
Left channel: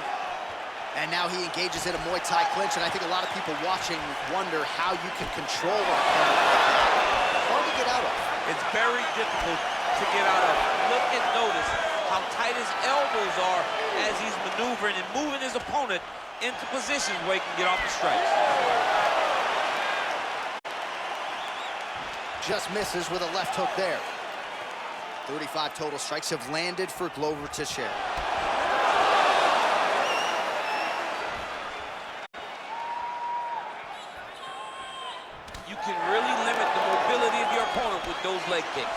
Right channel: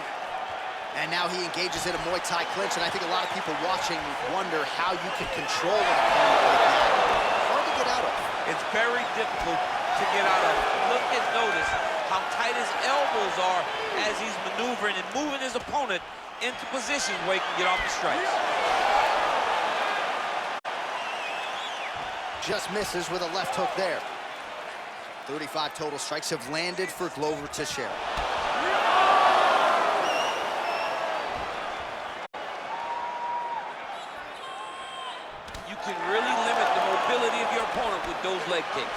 And now he engages in a Muay Thai clinch, and I think a lot of people watching wonder how you can control an opponent like that. Hard to get out of. It's very difficult to to get out of. Look and notice how tight his elbows are as he's maneuvering and moving his opponent into positions where he can get off the strikes. Just misses with a left hook there. 35 total strikes have landed for Glover Teixeira. You can really limit the mobility of your opponent with those leg kicks.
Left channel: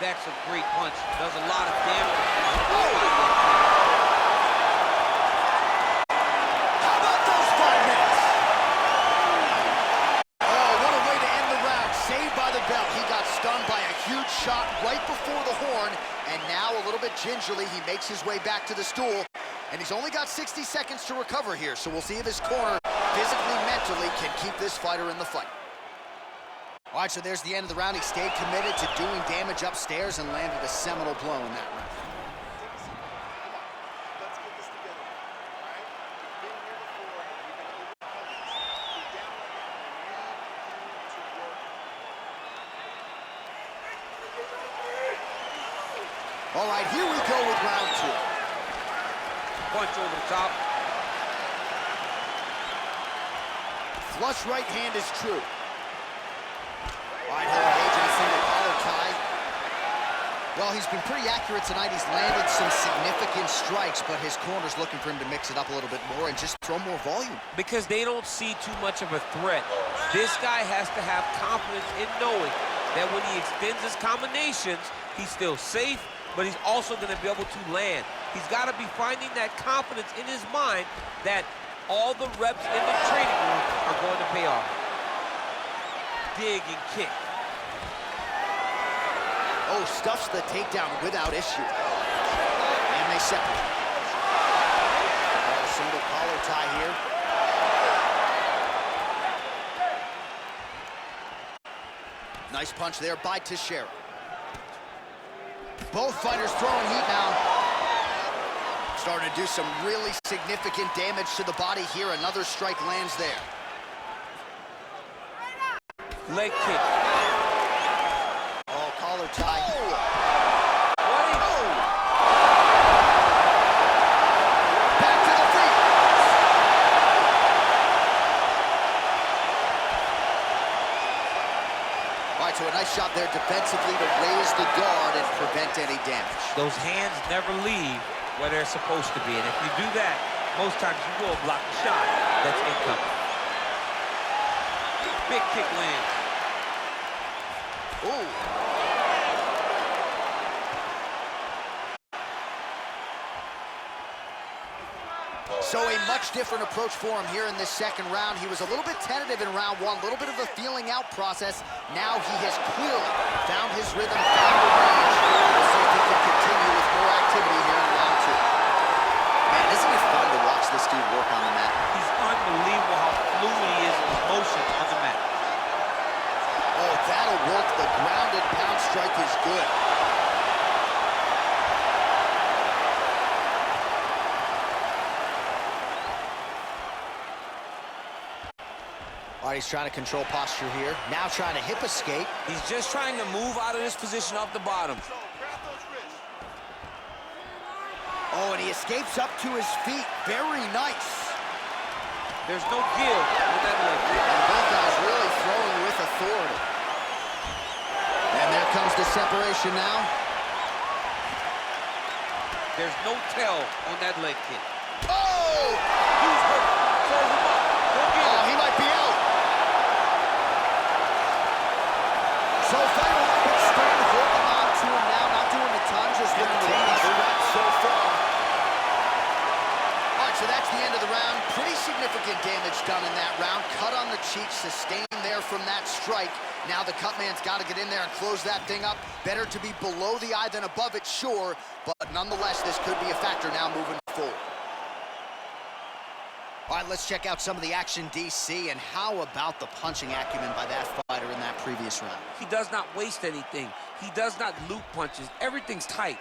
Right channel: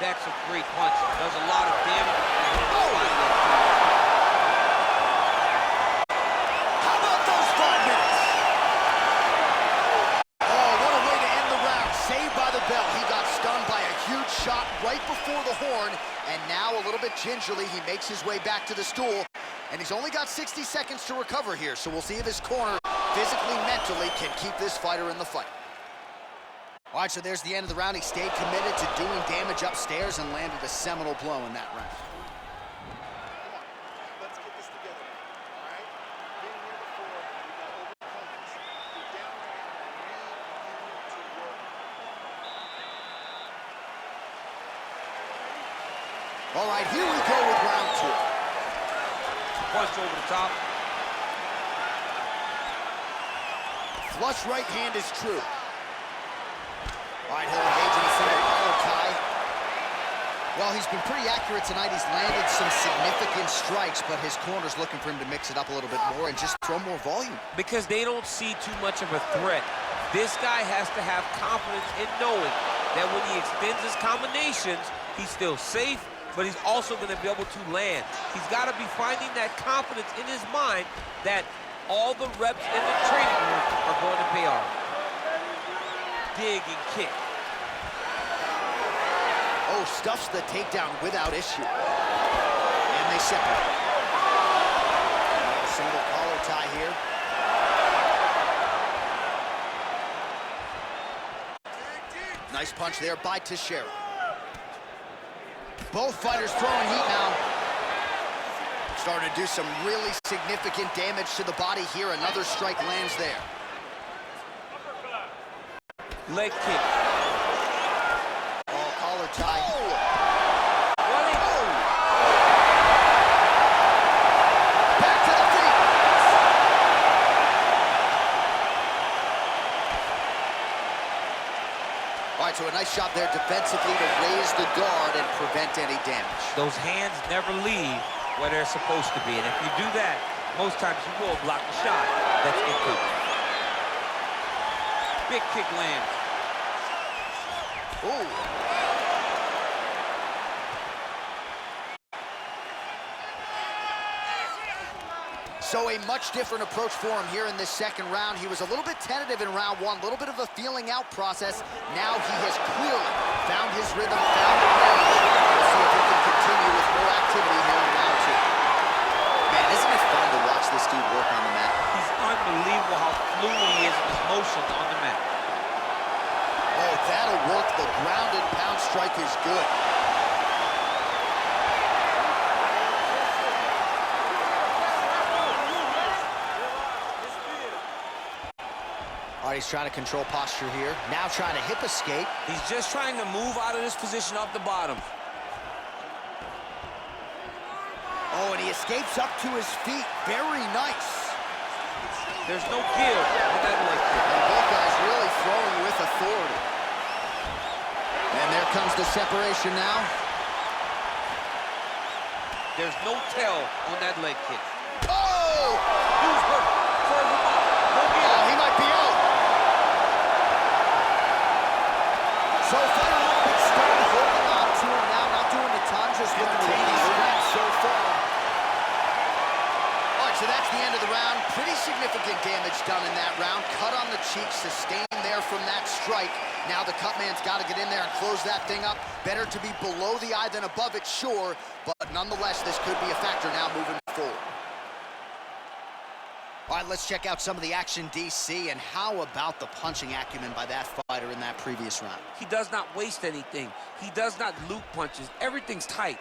That's a great punch. Does a lot of damage. Oh! How about those 5 minutes? Oh, what a way to end the round. Saved by the bell. He got stunned by a huge shot right before the horn, and now a little bit gingerly, he makes his way back to the stool, and he's only got 60 seconds to recover here, so we'll see if his corner physically, mentally can keep this fighter in the fight. All right, so there's the end of the round. He stayed committed to doing damage upstairs and landed a seminal blow in that round. Come on, let's get this together, all right? You've been here before, we can overcome this. You're down right now, and I need you to work. All right, here we go with round 2. Punch over the top. Flush right hand is true. All right, he'll engage in a single collar tie. Well, he's been pretty accurate tonight. He's landed some significant strikes, but his corner's looking for him to mix it up a little bit more and just throw more volume. Because they don't see too much of a threat. This guy has to have confidence in knowing that when he extends his combinations, he's still safe, but he's also going to be able to land. He's got to be finding that confidence in his mind that all the reps in the training room are going to pay off. Dig and kick. Oh, stuffs the takedown without issue. And they separate. Oh, single collar tie here. Nice punch there by Teixeira. Both fighters throwing heat now. Starting to do some really significant damage to the body here. Another strike lands there. Leg kick. Oh, collar tie. Oh! Oh! Back to the feet. All right, so a nice shot there defensively to raise the guard and prevent any damage. Those hands never leave where they're supposed to be, and if you do that, most times you will block the shot that's incoming. Big kick lands. Ooh. So a much different approach for him here in this second round. He was a little bit tentative in round 1, a little bit of a feeling out process. Now he has clearly found his rhythm, found the range. We'll see if he can continue with more activity here in round 2. Man, isn't it fun to watch this dude work on the mat? He's unbelievable how fluid he is in his motion on the mat. Oh, that'll work. The grounded pound strike is good. All right, he's trying to control posture here. Now trying to hip escape. He's just trying to move out of this position off the bottom. Oh, and he escapes up to his feet. Very nice. There's no give on that leg kick. And both guys really throwing with authority. And there comes the separation now. There's no tell on that leg kick. Oh! Dude's hurt. Serve him up. Go get him. Oh, he might be out. So fighter a little bit stunned, holding on to him now, not doing a ton, just looking to release reps so far. All right, so that's the end of the round. Pretty significant damage done in that round. Cut on the cheek, sustained there from that strike. Now the cut man's got to get in there and close that thing up. Better to be below the eye than above it, sure, but nonetheless, this could be a factor now moving forward. All right, let's check out some of the action, DC, and how about the punching acumen by that fighter in that previous round? He does not waste anything. He does not loop punches. Everything's tight.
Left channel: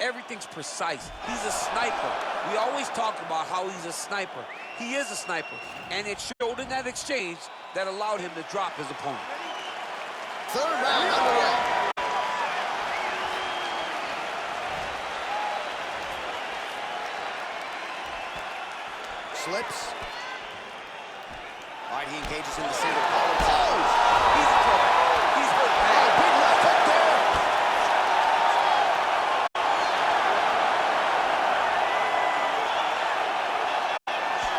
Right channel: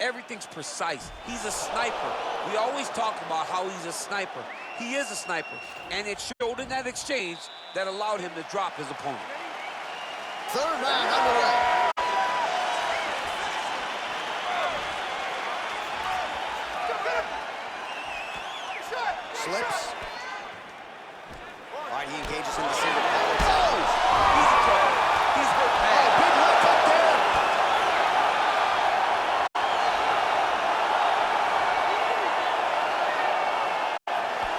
Everything's precise. He's a sniper. We always talk about how he's a sniper. He is a sniper, and it showed in that exchange that allowed him to drop his opponent. Third round underway. flips. All right, he engages in the single collar tie. He's in trouble. He's hurt bad. Oh, big left hook there.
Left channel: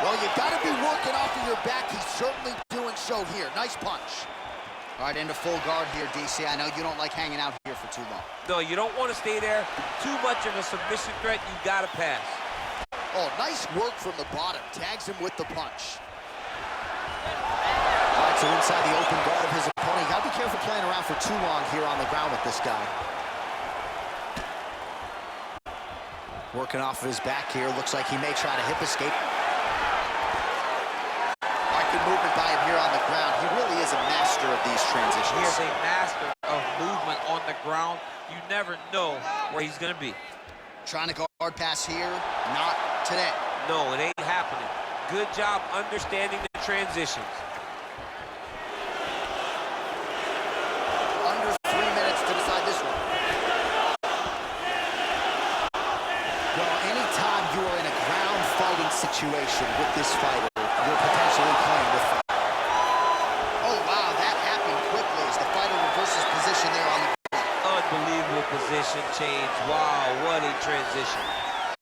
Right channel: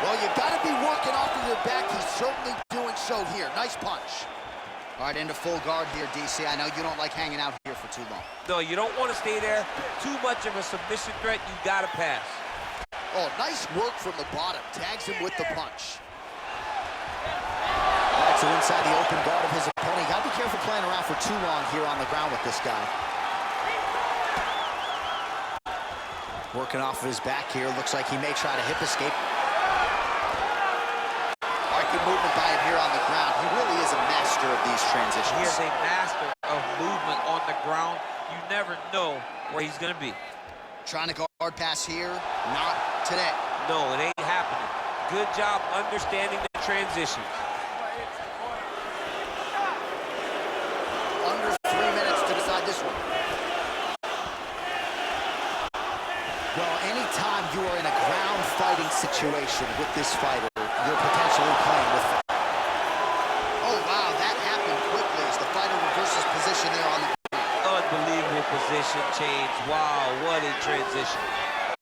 Well, you got to be working off of your back. He's certainly doing so here. Nice punch. All right, into full guard here, DC. I know you don't like hanging out here for too long. No, you don't want to stay there. Too much of a submission threat. You got to pass. Oh, nice work from the bottom. Tags him with the punch. All right, so inside the open guard of his opponent. You got to be careful playing around for too long here on the ground with this guy. Working off of his back here. Looks like he may try to hip escape. All right, good movement by him here on the ground. He really is a master of these transitions. He is a master of movement on the ground. You never know where he's going to be. Trying to guard pass here. Not today. No, it ain't happening. Good job understanding the transitions. Under 3 minutes to decide this one. Well, anytime you are in a ground fighting situation with this fighter, you're potentially playing with fire. Oh, wow, that happened quickly as the fighter reverses position there on the ground. Unbelievable position change. Wow, what a transition.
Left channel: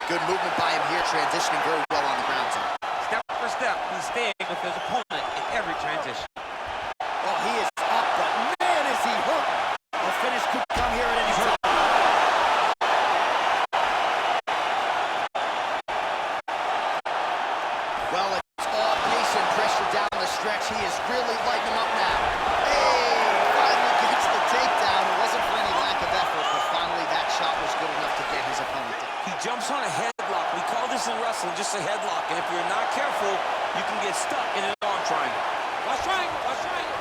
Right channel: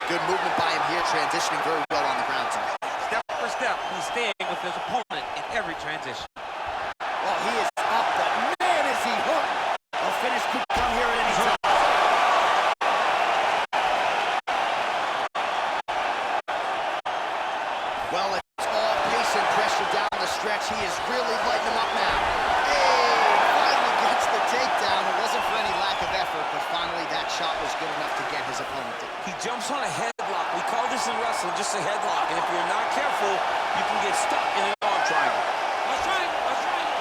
Good movement by him here, transitioning very well on the ground tonight. Step for step, he's staying with his opponent in every transition. Oh, he is up, but man, is he hurt. A finish could come here at any time. Well, it's all pace and pressure down the stretch. He is really lighting him up now. Hey, finally gets the takedown. It wasn't for any lack of effort, but finally that shot was good enough to get his opponent down. He jumps on a headlock. We call this in wrestling just a headlock, and if you're not careful, you can get stuck in an arm triangle. Watch triangle, watch triangle.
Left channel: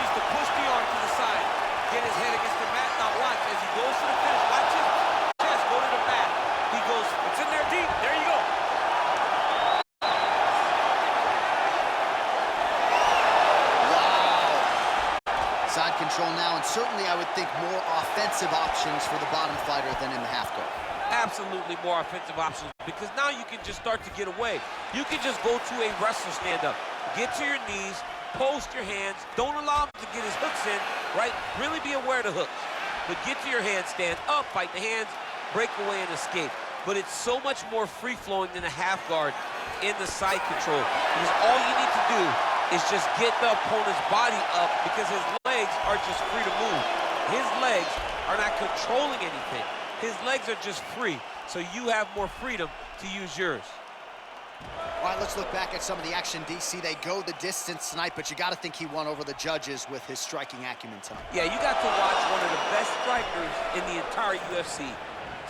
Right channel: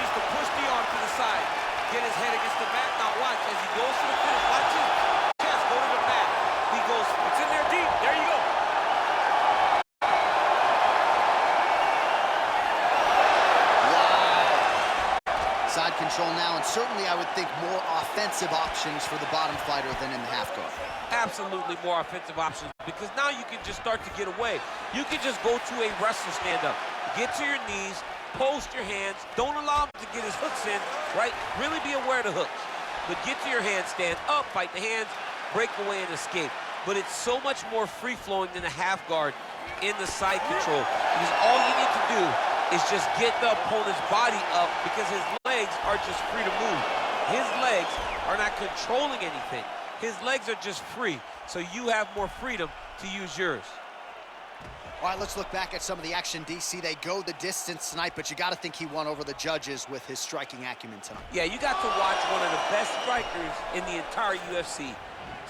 Needs to push the arm to the side. Get his head against the mat. Now watch as he goes to the finish. Watch his chest go to the mat. He goes, it's in there deep. There you go. Wow. Side control now, and certainly I would think more offensive options for the bottom fighter than in the half guard. Absolutely more offensive options because now you can just start to get away. You can just go to a wrestler stand-up. Get to your knees, post your hands. Don't allow him to get his hooks in, right? Really be aware of the hooks. But get to your hands, stand up, fight the hands, break away and escape. But it's so much more free-flowing than a half guard in the side control. Because all you need to do is just get the opponent's body up because his legs are just free to move. His legs are not controlling anything. His legs are just free, so you have more freedom to use yours. All right, let's look back at some of the action, DC. They go the distance tonight, but you got to think he won over the judges with his striking acumen tonight. Yeah, you got to watch one of the best strikers in the entire UFC.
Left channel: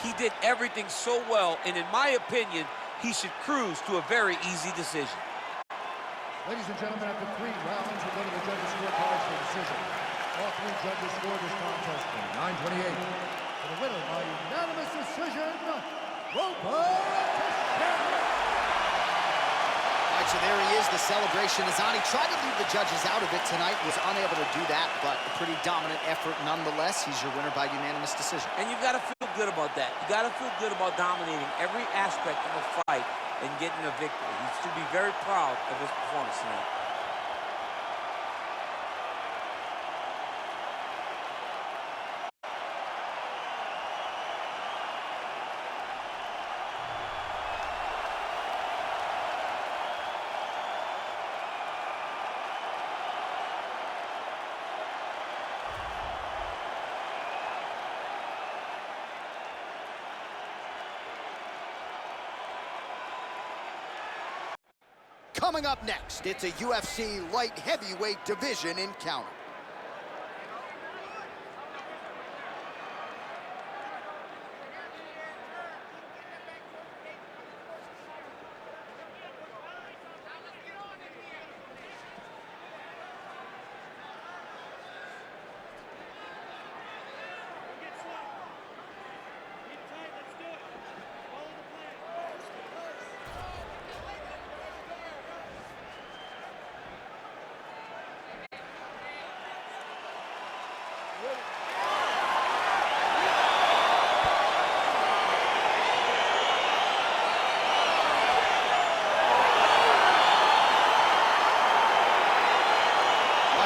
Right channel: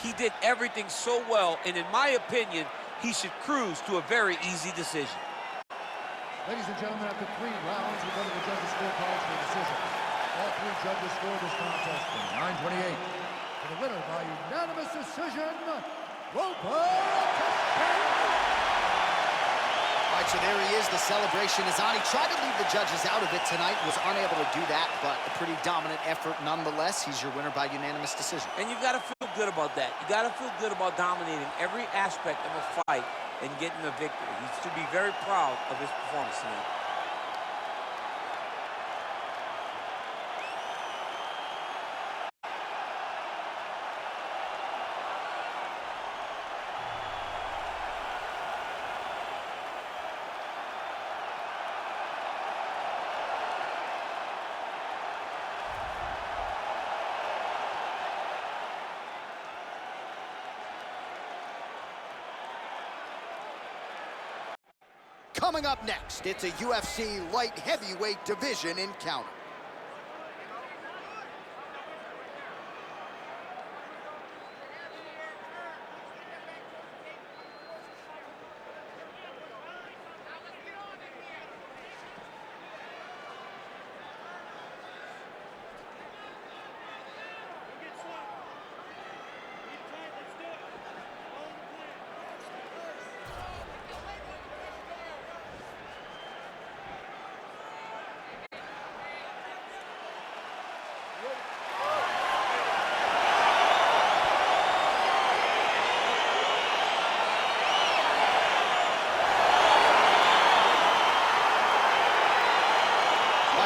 He did everything so well, and in my opinion, he should cruise to a very easy decision. Ladies and gentlemen, after 3 rounds, we go to the judges' scorecards for decision. All 3 judges scored this contest 29-28. For the winner by unanimous decision, Roper. All right, so there he is, the celebration is on. He tried to leave the judges out of it tonight, was unable to do that, but a pretty dominant effort nonetheless. He's your winner by unanimous decision. And you've got to feel good about that. You got to feel good about dominating every aspect of a fight and getting a victory. He should be very proud of his performance tonight. Coming up next, it's a UFC light heavyweight division encounter.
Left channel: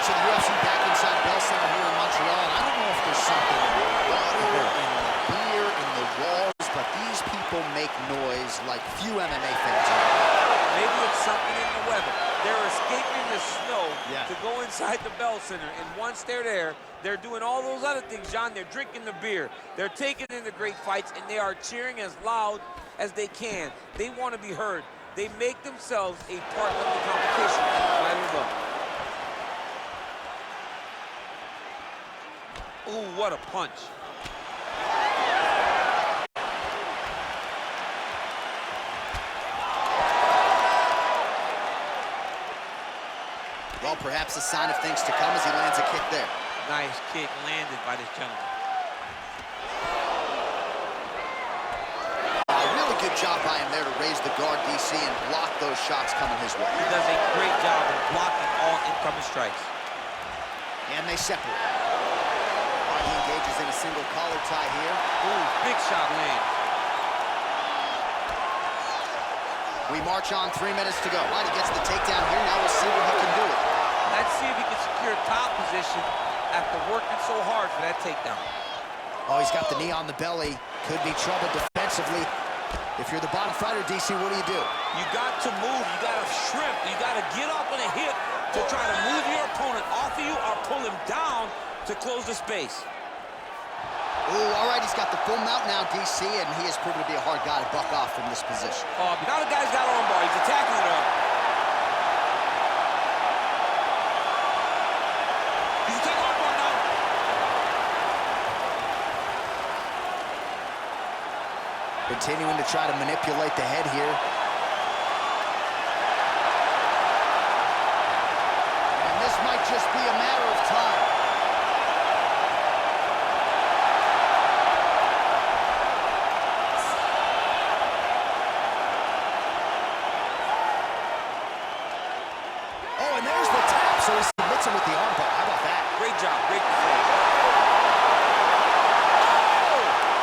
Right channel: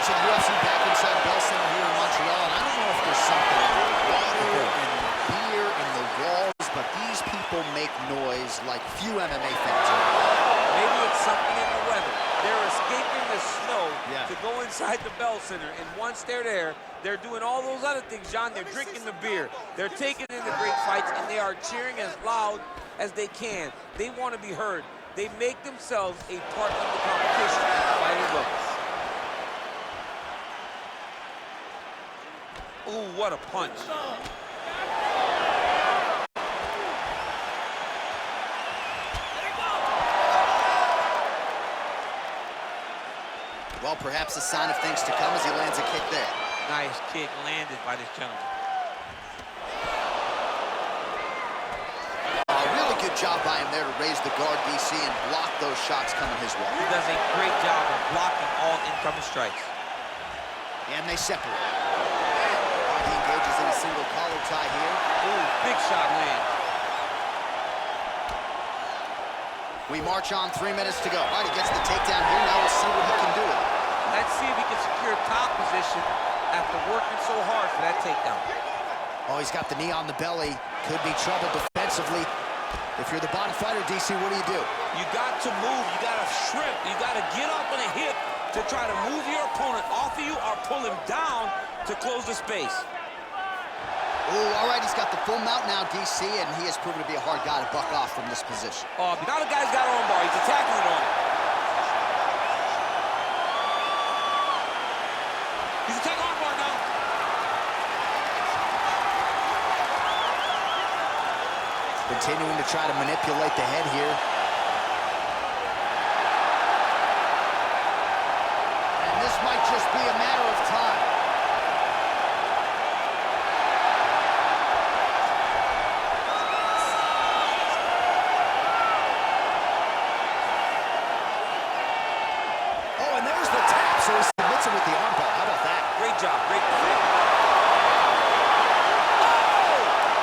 Viewers of the UFC back inside Bell Center here in Montreal, and I don't know if there's something in the water, in the beer, in the walls, but these people make noise like few MMA fans are. Maybe it's something in the weather. They're escaping the snow Yeah. to go inside the Bell Center, and once they're there, they're doing all those other things, John. They're drinking the beer. They're taking in the great fights, and they are cheering as loud as they can. They want to be heard. They make themselves a part of the competition at the fighting level. Ooh, what a punch. Well, perhaps a sign of things to come as he lands a kick there. Nice kick landed by this gentleman. A really good job by him there to raise the guard, DC, and block those shots coming his way. He does a great job of blocking all incoming strikes. And they separate. All right, he engages in a single collar tie here. Ooh, big shot lands. We march on, 3 minutes to go. All right, he gets the takedown here. Now we'll see what he can do with it. Let's see if he can secure top position after working so hard for that takedown. Oh, he's got the knee on the belly. Could be trouble defensively. If you're the bottom fighter, DC, what do? You got to move. You got to shrimp. You got to get up on a hip to try to move your opponent off of you or pull him down to close the space. Ooh, all right, he's got the full mount now, DC, and he has proven to be a hard guy to buck off from this position. Oh, now the guy's got arm bar. He's attacking it on him. He's attacking arm bar now. Continuing to try to manipulate the head here. And this might just be a matter of time. Oh, and there's the tap, so he submits him with the armbar. How about that? Great job. Great performance. Oh!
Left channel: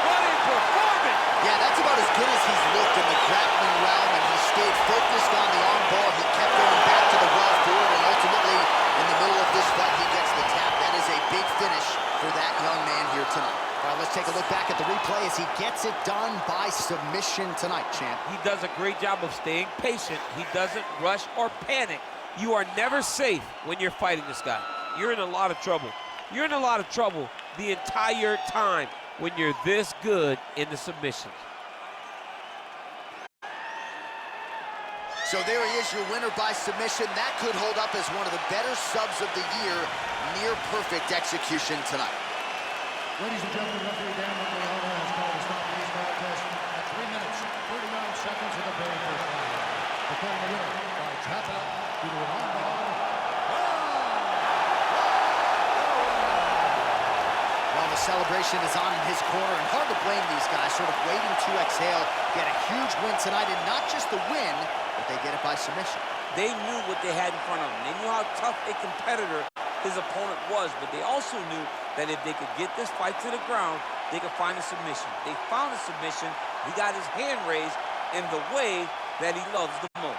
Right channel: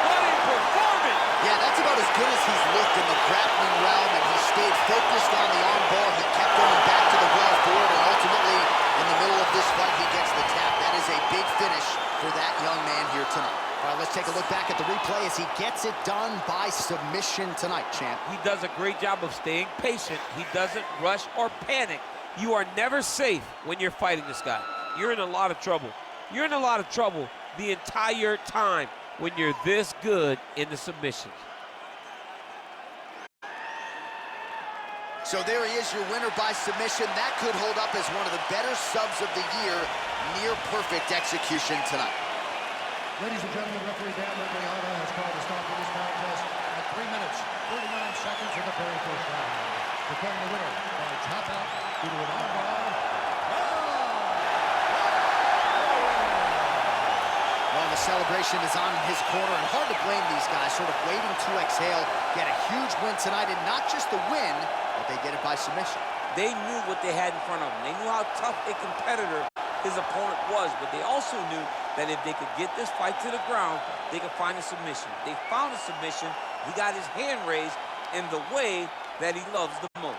What a performance! Yeah, that's about as good as he's looked in the grappling realm, and he stayed focused on the armbar. He kept going back to the well for it, and ultimately, in the middle of this fight, he gets the tap. That is a big finish for that young man here tonight. All right, let's take a look back at the replay as he gets it done by submission tonight, champ. He does a great job of staying patient. He doesn't rush or panic. You are never safe when you're fighting this guy. You're in a lot of trouble. You're in a lot of trouble the entire time when you're this good in the submissions. So there he is, your winner by submission. That could hold up as one of the better subs of the year. Near perfect execution tonight. Ladies and gentlemen, referee Dan Legliana has called a stop to this contest at 3 minutes, 39 seconds of the very first round. Declaring the winner by tap out due to an armbar. Well, the celebration is on in his corner, and hard to blame these guys, sort of waiting to exhale, get a huge win tonight, and not just the win, but they get it by submission. They knew what they had in front of them. They knew how tough a competitor his opponent was, but they also knew that if they could get this fight to the ground, they could find a submission. They found a submission. He got his hand raised in the way that he loves the most.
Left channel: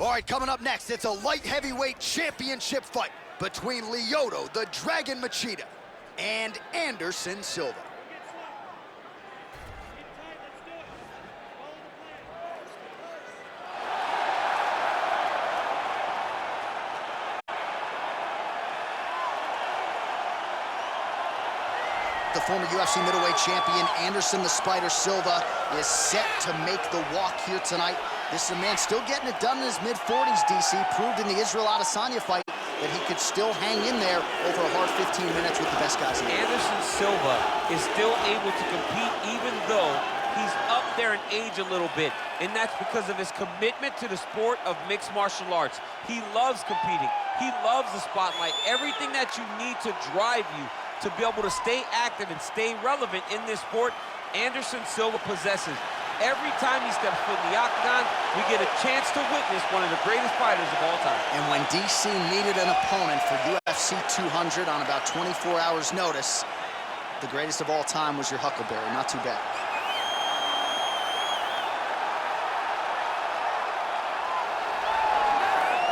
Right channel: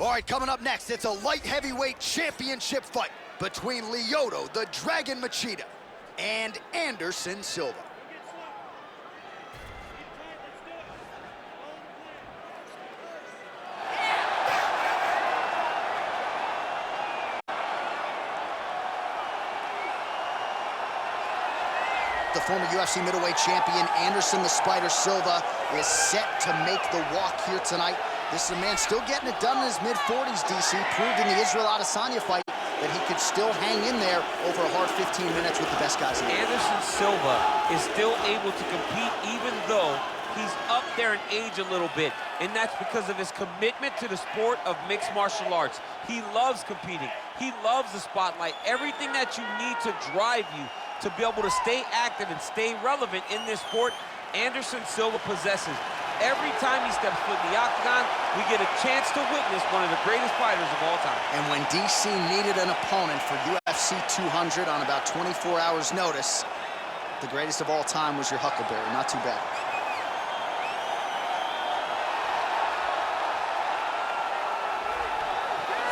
All right, coming up next, it's a light heavyweight championship fight between Lyoto, the Dragon Machida, and Anderson Silva. The former UFC middleweight champion, Anderson the Spider Silva, is set to make the walk here tonight. This is a man still getting it done in his mid-40s, DC. Proved in the Israel Adesanya fight that he could still hang in there over a hard 15 minutes with the best guys in the world. Anderson Silva is still able to compete even though he's up there in age a little bit. And that's because of his commitment to the sport of mixed martial arts. He loves competing. He loves the spotlight. Everything that you need to drive you to be able to stay active and stay relevant in this sport, Anderson Silva possesses. Every time he steps foot in the octagon, we get a chance to witness one of the greatest fighters of all time. And when DC needed an opponent for UFC 200 on about 24 hours notice, the greatest of all time was your Huckleberry. Not too bad.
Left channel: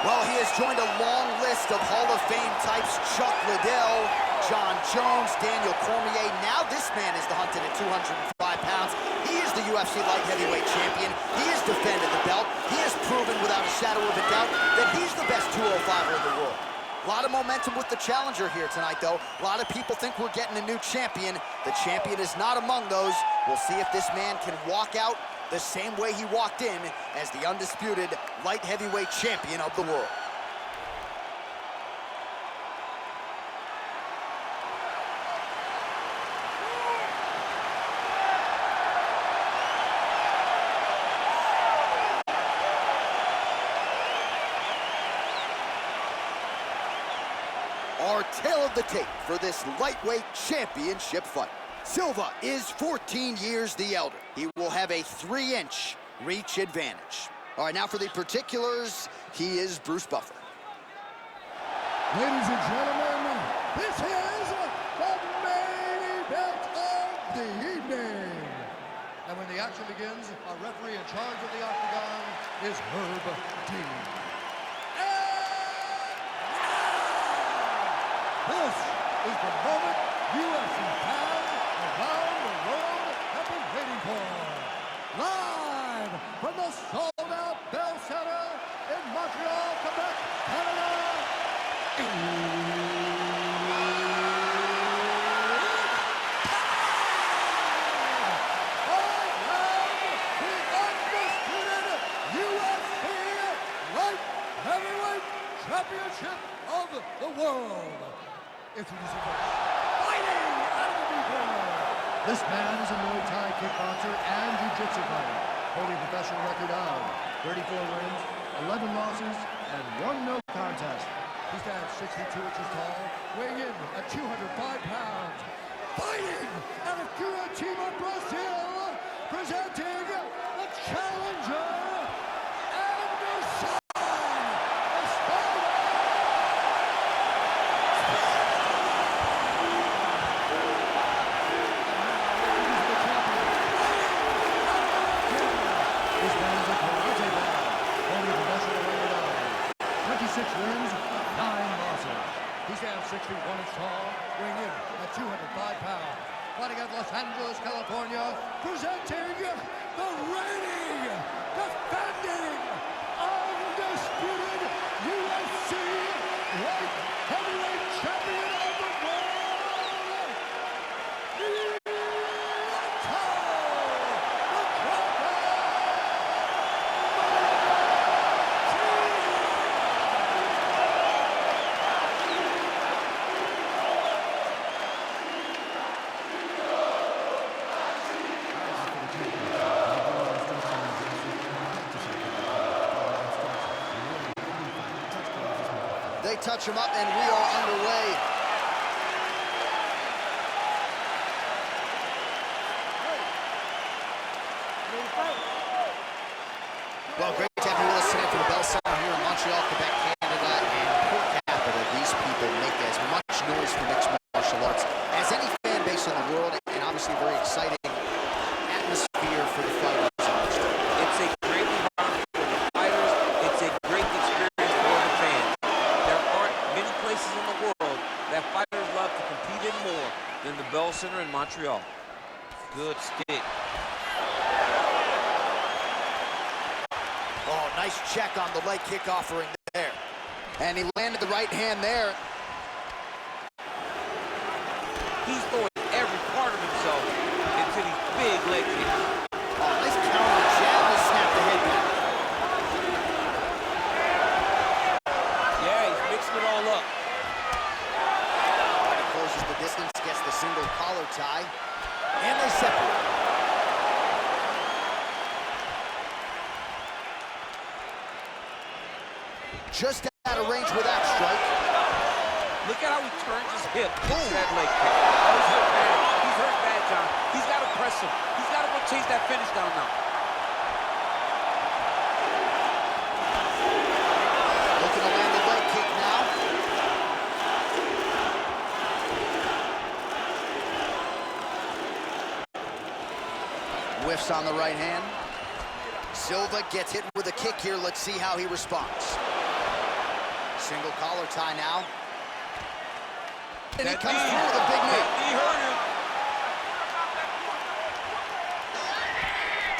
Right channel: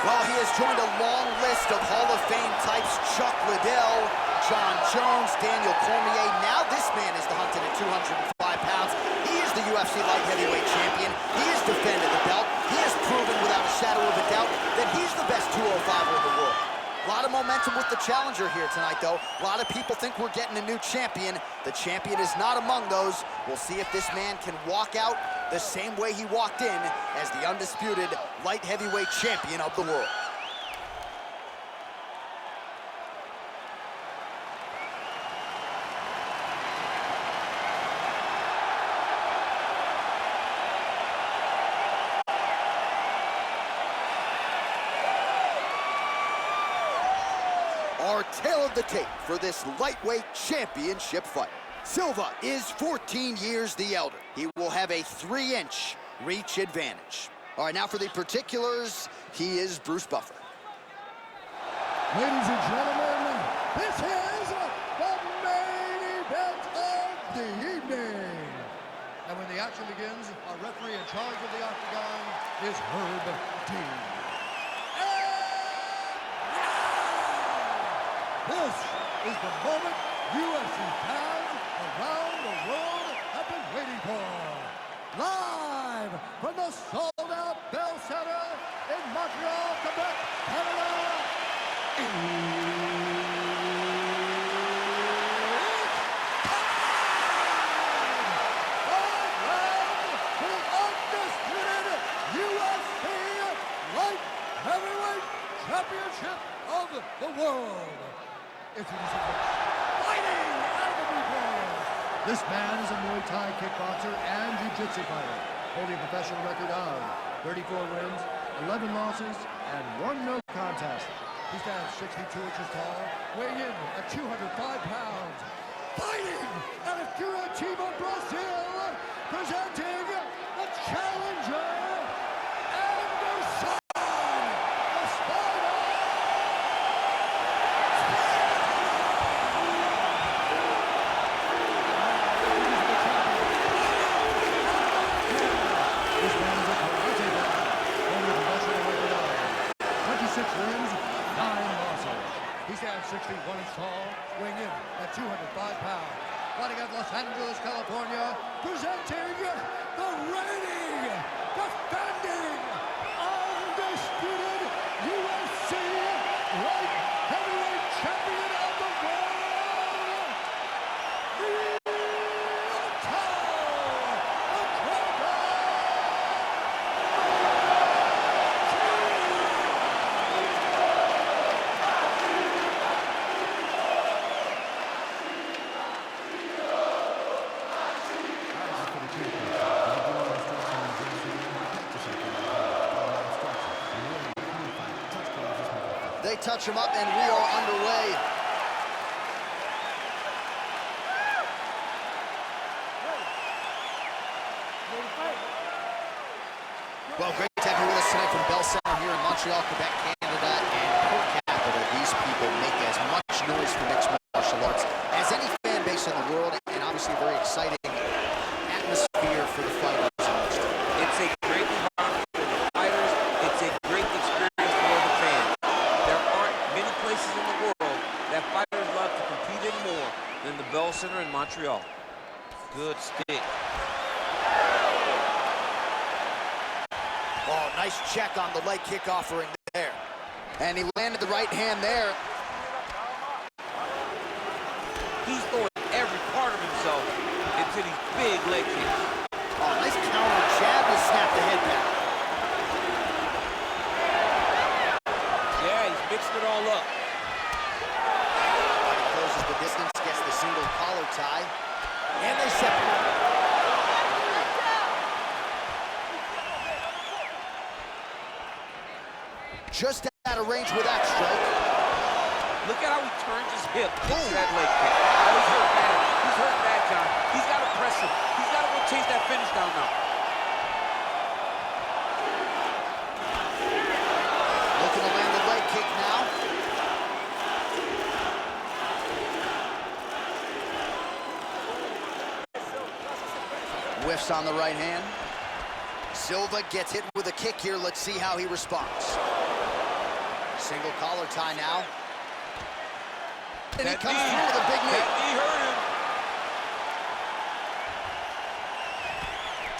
Well, he has joined a long list of Hall of Fame types: Chuck Liddell, John Jones, Daniel Cormier. Now this man is the hunted at 205 pounds. He is the UFC light heavyweight champion. He has defended the belt. He has proven without a shadow of a doubt that he's the best 205er in the world. A lot of momentum with the challenger here tonight, though. A lot of people think we're getting a new champion. The champion is not among those. We'll see if this man can walk out the same way he walked in as the undisputed light heavyweight champion of the world. Our tale of the tape for this lightweight championship fight. Silva is 14 years the elder. He will have a 3-inch reach advantage. All right, now for the particulars, he is Bruce Buffer. Ladies and gentlemen, this is the main event of the evening. And when the action begins, our referee in charge of the octagon is Herb Dean. This is the moment UFC fans around the world have been waiting for. Live from the sold-out Bell Center in Montreal, Quebec, Canada. It's time! 5 rounds for the undisputed UFC Light Heavyweight Championship of the world. Introducing first, fighting out of the blue corner. This man is a Muay Thai kickboxer and jiu-jitsu fighter, holding a professional record of 34 wins, 11 losses, and 1 no contest. He stands 62 inches tall, weighing in at 205 pounds. Fighting out of Curitiba, Brazil, presenting the challenger, Anderson the Spider. This man is a karate man, holding a professional record of 26 wins, 9 losses. He stands 6 feet 1 inch tall, weighing in at 205 pounds. Fighting out of Los Angeles, California, presenting the reigning, defending, undisputed UFC light heavyweight champion of the world, Lyoto, the Dragon. They touch him up, and we are underway. Well, great to have you with us tonight from the Bell Center here in Montreal, Quebec, Canada. And per capita, these people make as much noise for mixed martial arts as any fan base in the world, and obviously a very exciting atmosphere for the fighters. It's a great environment for the fighters. It's a great that fighters love to compete in more than the Bell Center in Montreal. Good stick. Oh, nice check on the leg kick offering there. And he landed the right hand there. He's throwing every part of himself into these big leg kicks. Oh, nice counter jab to snap the head back. Yeah, he's mixing it all up. He closes the distance, gets the single collar tie, and they separate. Just out of range with that strike. Look at how he turns his hip into that leg kick. Oh, he's hurt bad. He's hurt bad, John. He's got to press him. He's got to go chase that finish down now. Looking to land the leg kick now. Whiffs on the right hand. Silva gets hit with a kick here. Let's see how he responds. Single collar tie now. And he comes through with a big knee. That knee hurt him.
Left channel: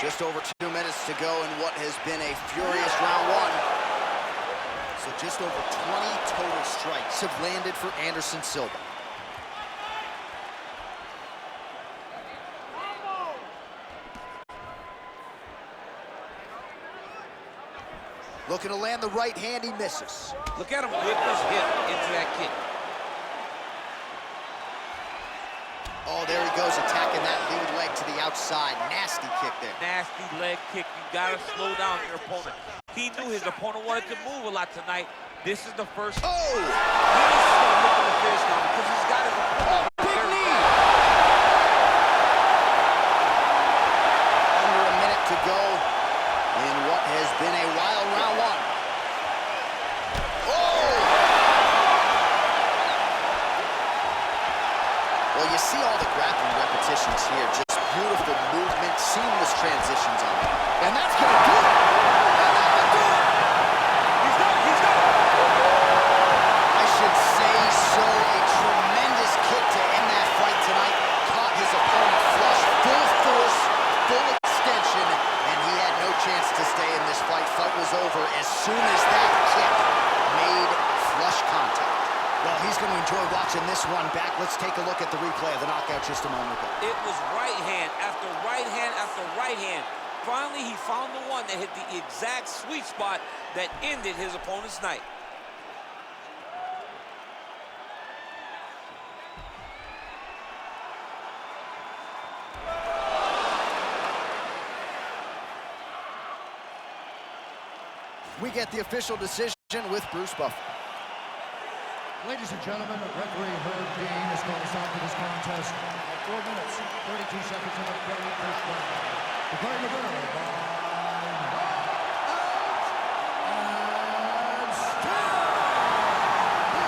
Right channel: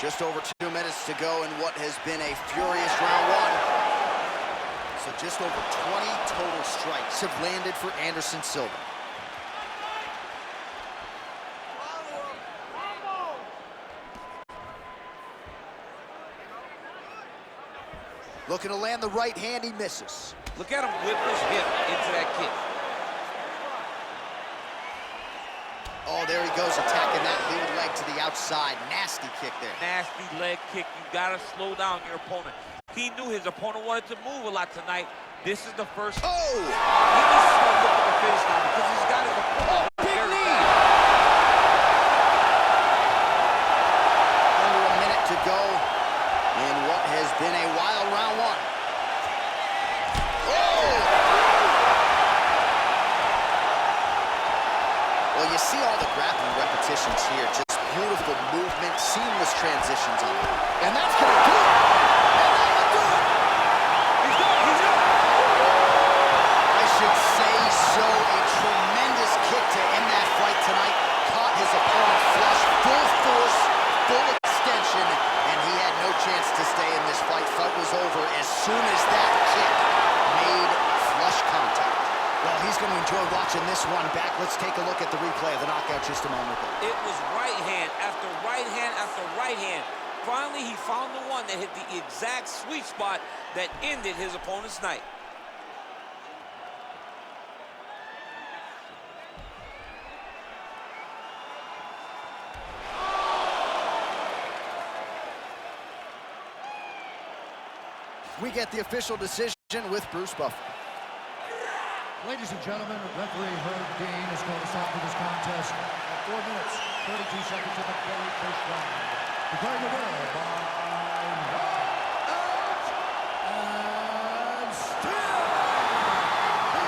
Just over 2 minutes to go in what has been a furious round one. So just over 20 total strikes have landed for Anderson Silva. Looking to land the right hand, he misses. Look at him whip his hip into that kick. Oh, there he goes, attacking that lead leg to the outside. Nasty kick there. Nasty leg kick. You gotta slow down your opponent. He knew his opponent wanted to move a lot tonight. This is the first. Oh! He needs to start looking to finish now because he's got his opponent. Big very knee! bad. Under a minute to go in what has been a wild round one. Oh! Well, you see all the grappling repetitions here. Just beautiful movement, seamless transitions on it. And that's going to do it. And that will do it. He's done. He's done. I should say so. A tremendous kick to end that fight tonight. Caught his opponent flush, full force, full extension, and he had no chance to stay in this fight. Fight was over as soon as that kick made flush contact. Well, he's going to enjoy watching this one back. Let's take a look at the replay of the knockout just a moment ago. It was right hand after right hand after right hand. Finally, he found the one that hit the exact sweet spot that ended his opponent's night. We get the official decision with Bruce Buffer. Ladies and gentlemen, referee Herb Dean is going to stop to this contest at 4 minutes, 32 seconds in the very first round. Declaring the winner by knockout and still the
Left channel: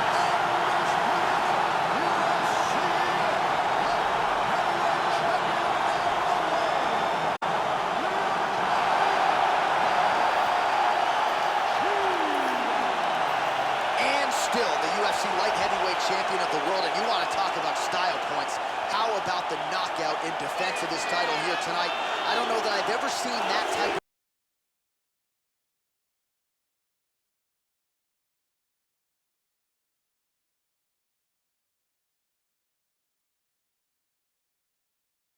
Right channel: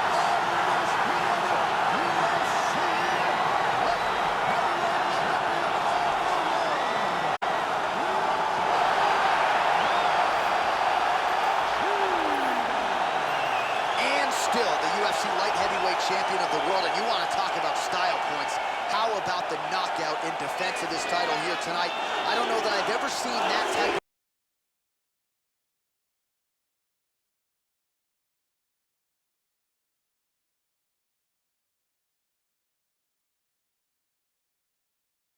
undisputed UFC light heavyweight champion of the world, And still the UFC light heavyweight champion of the world. And you want to talk about style points. How about the knockout in defense of this title here tonight? I don't know that I've ever seen that type of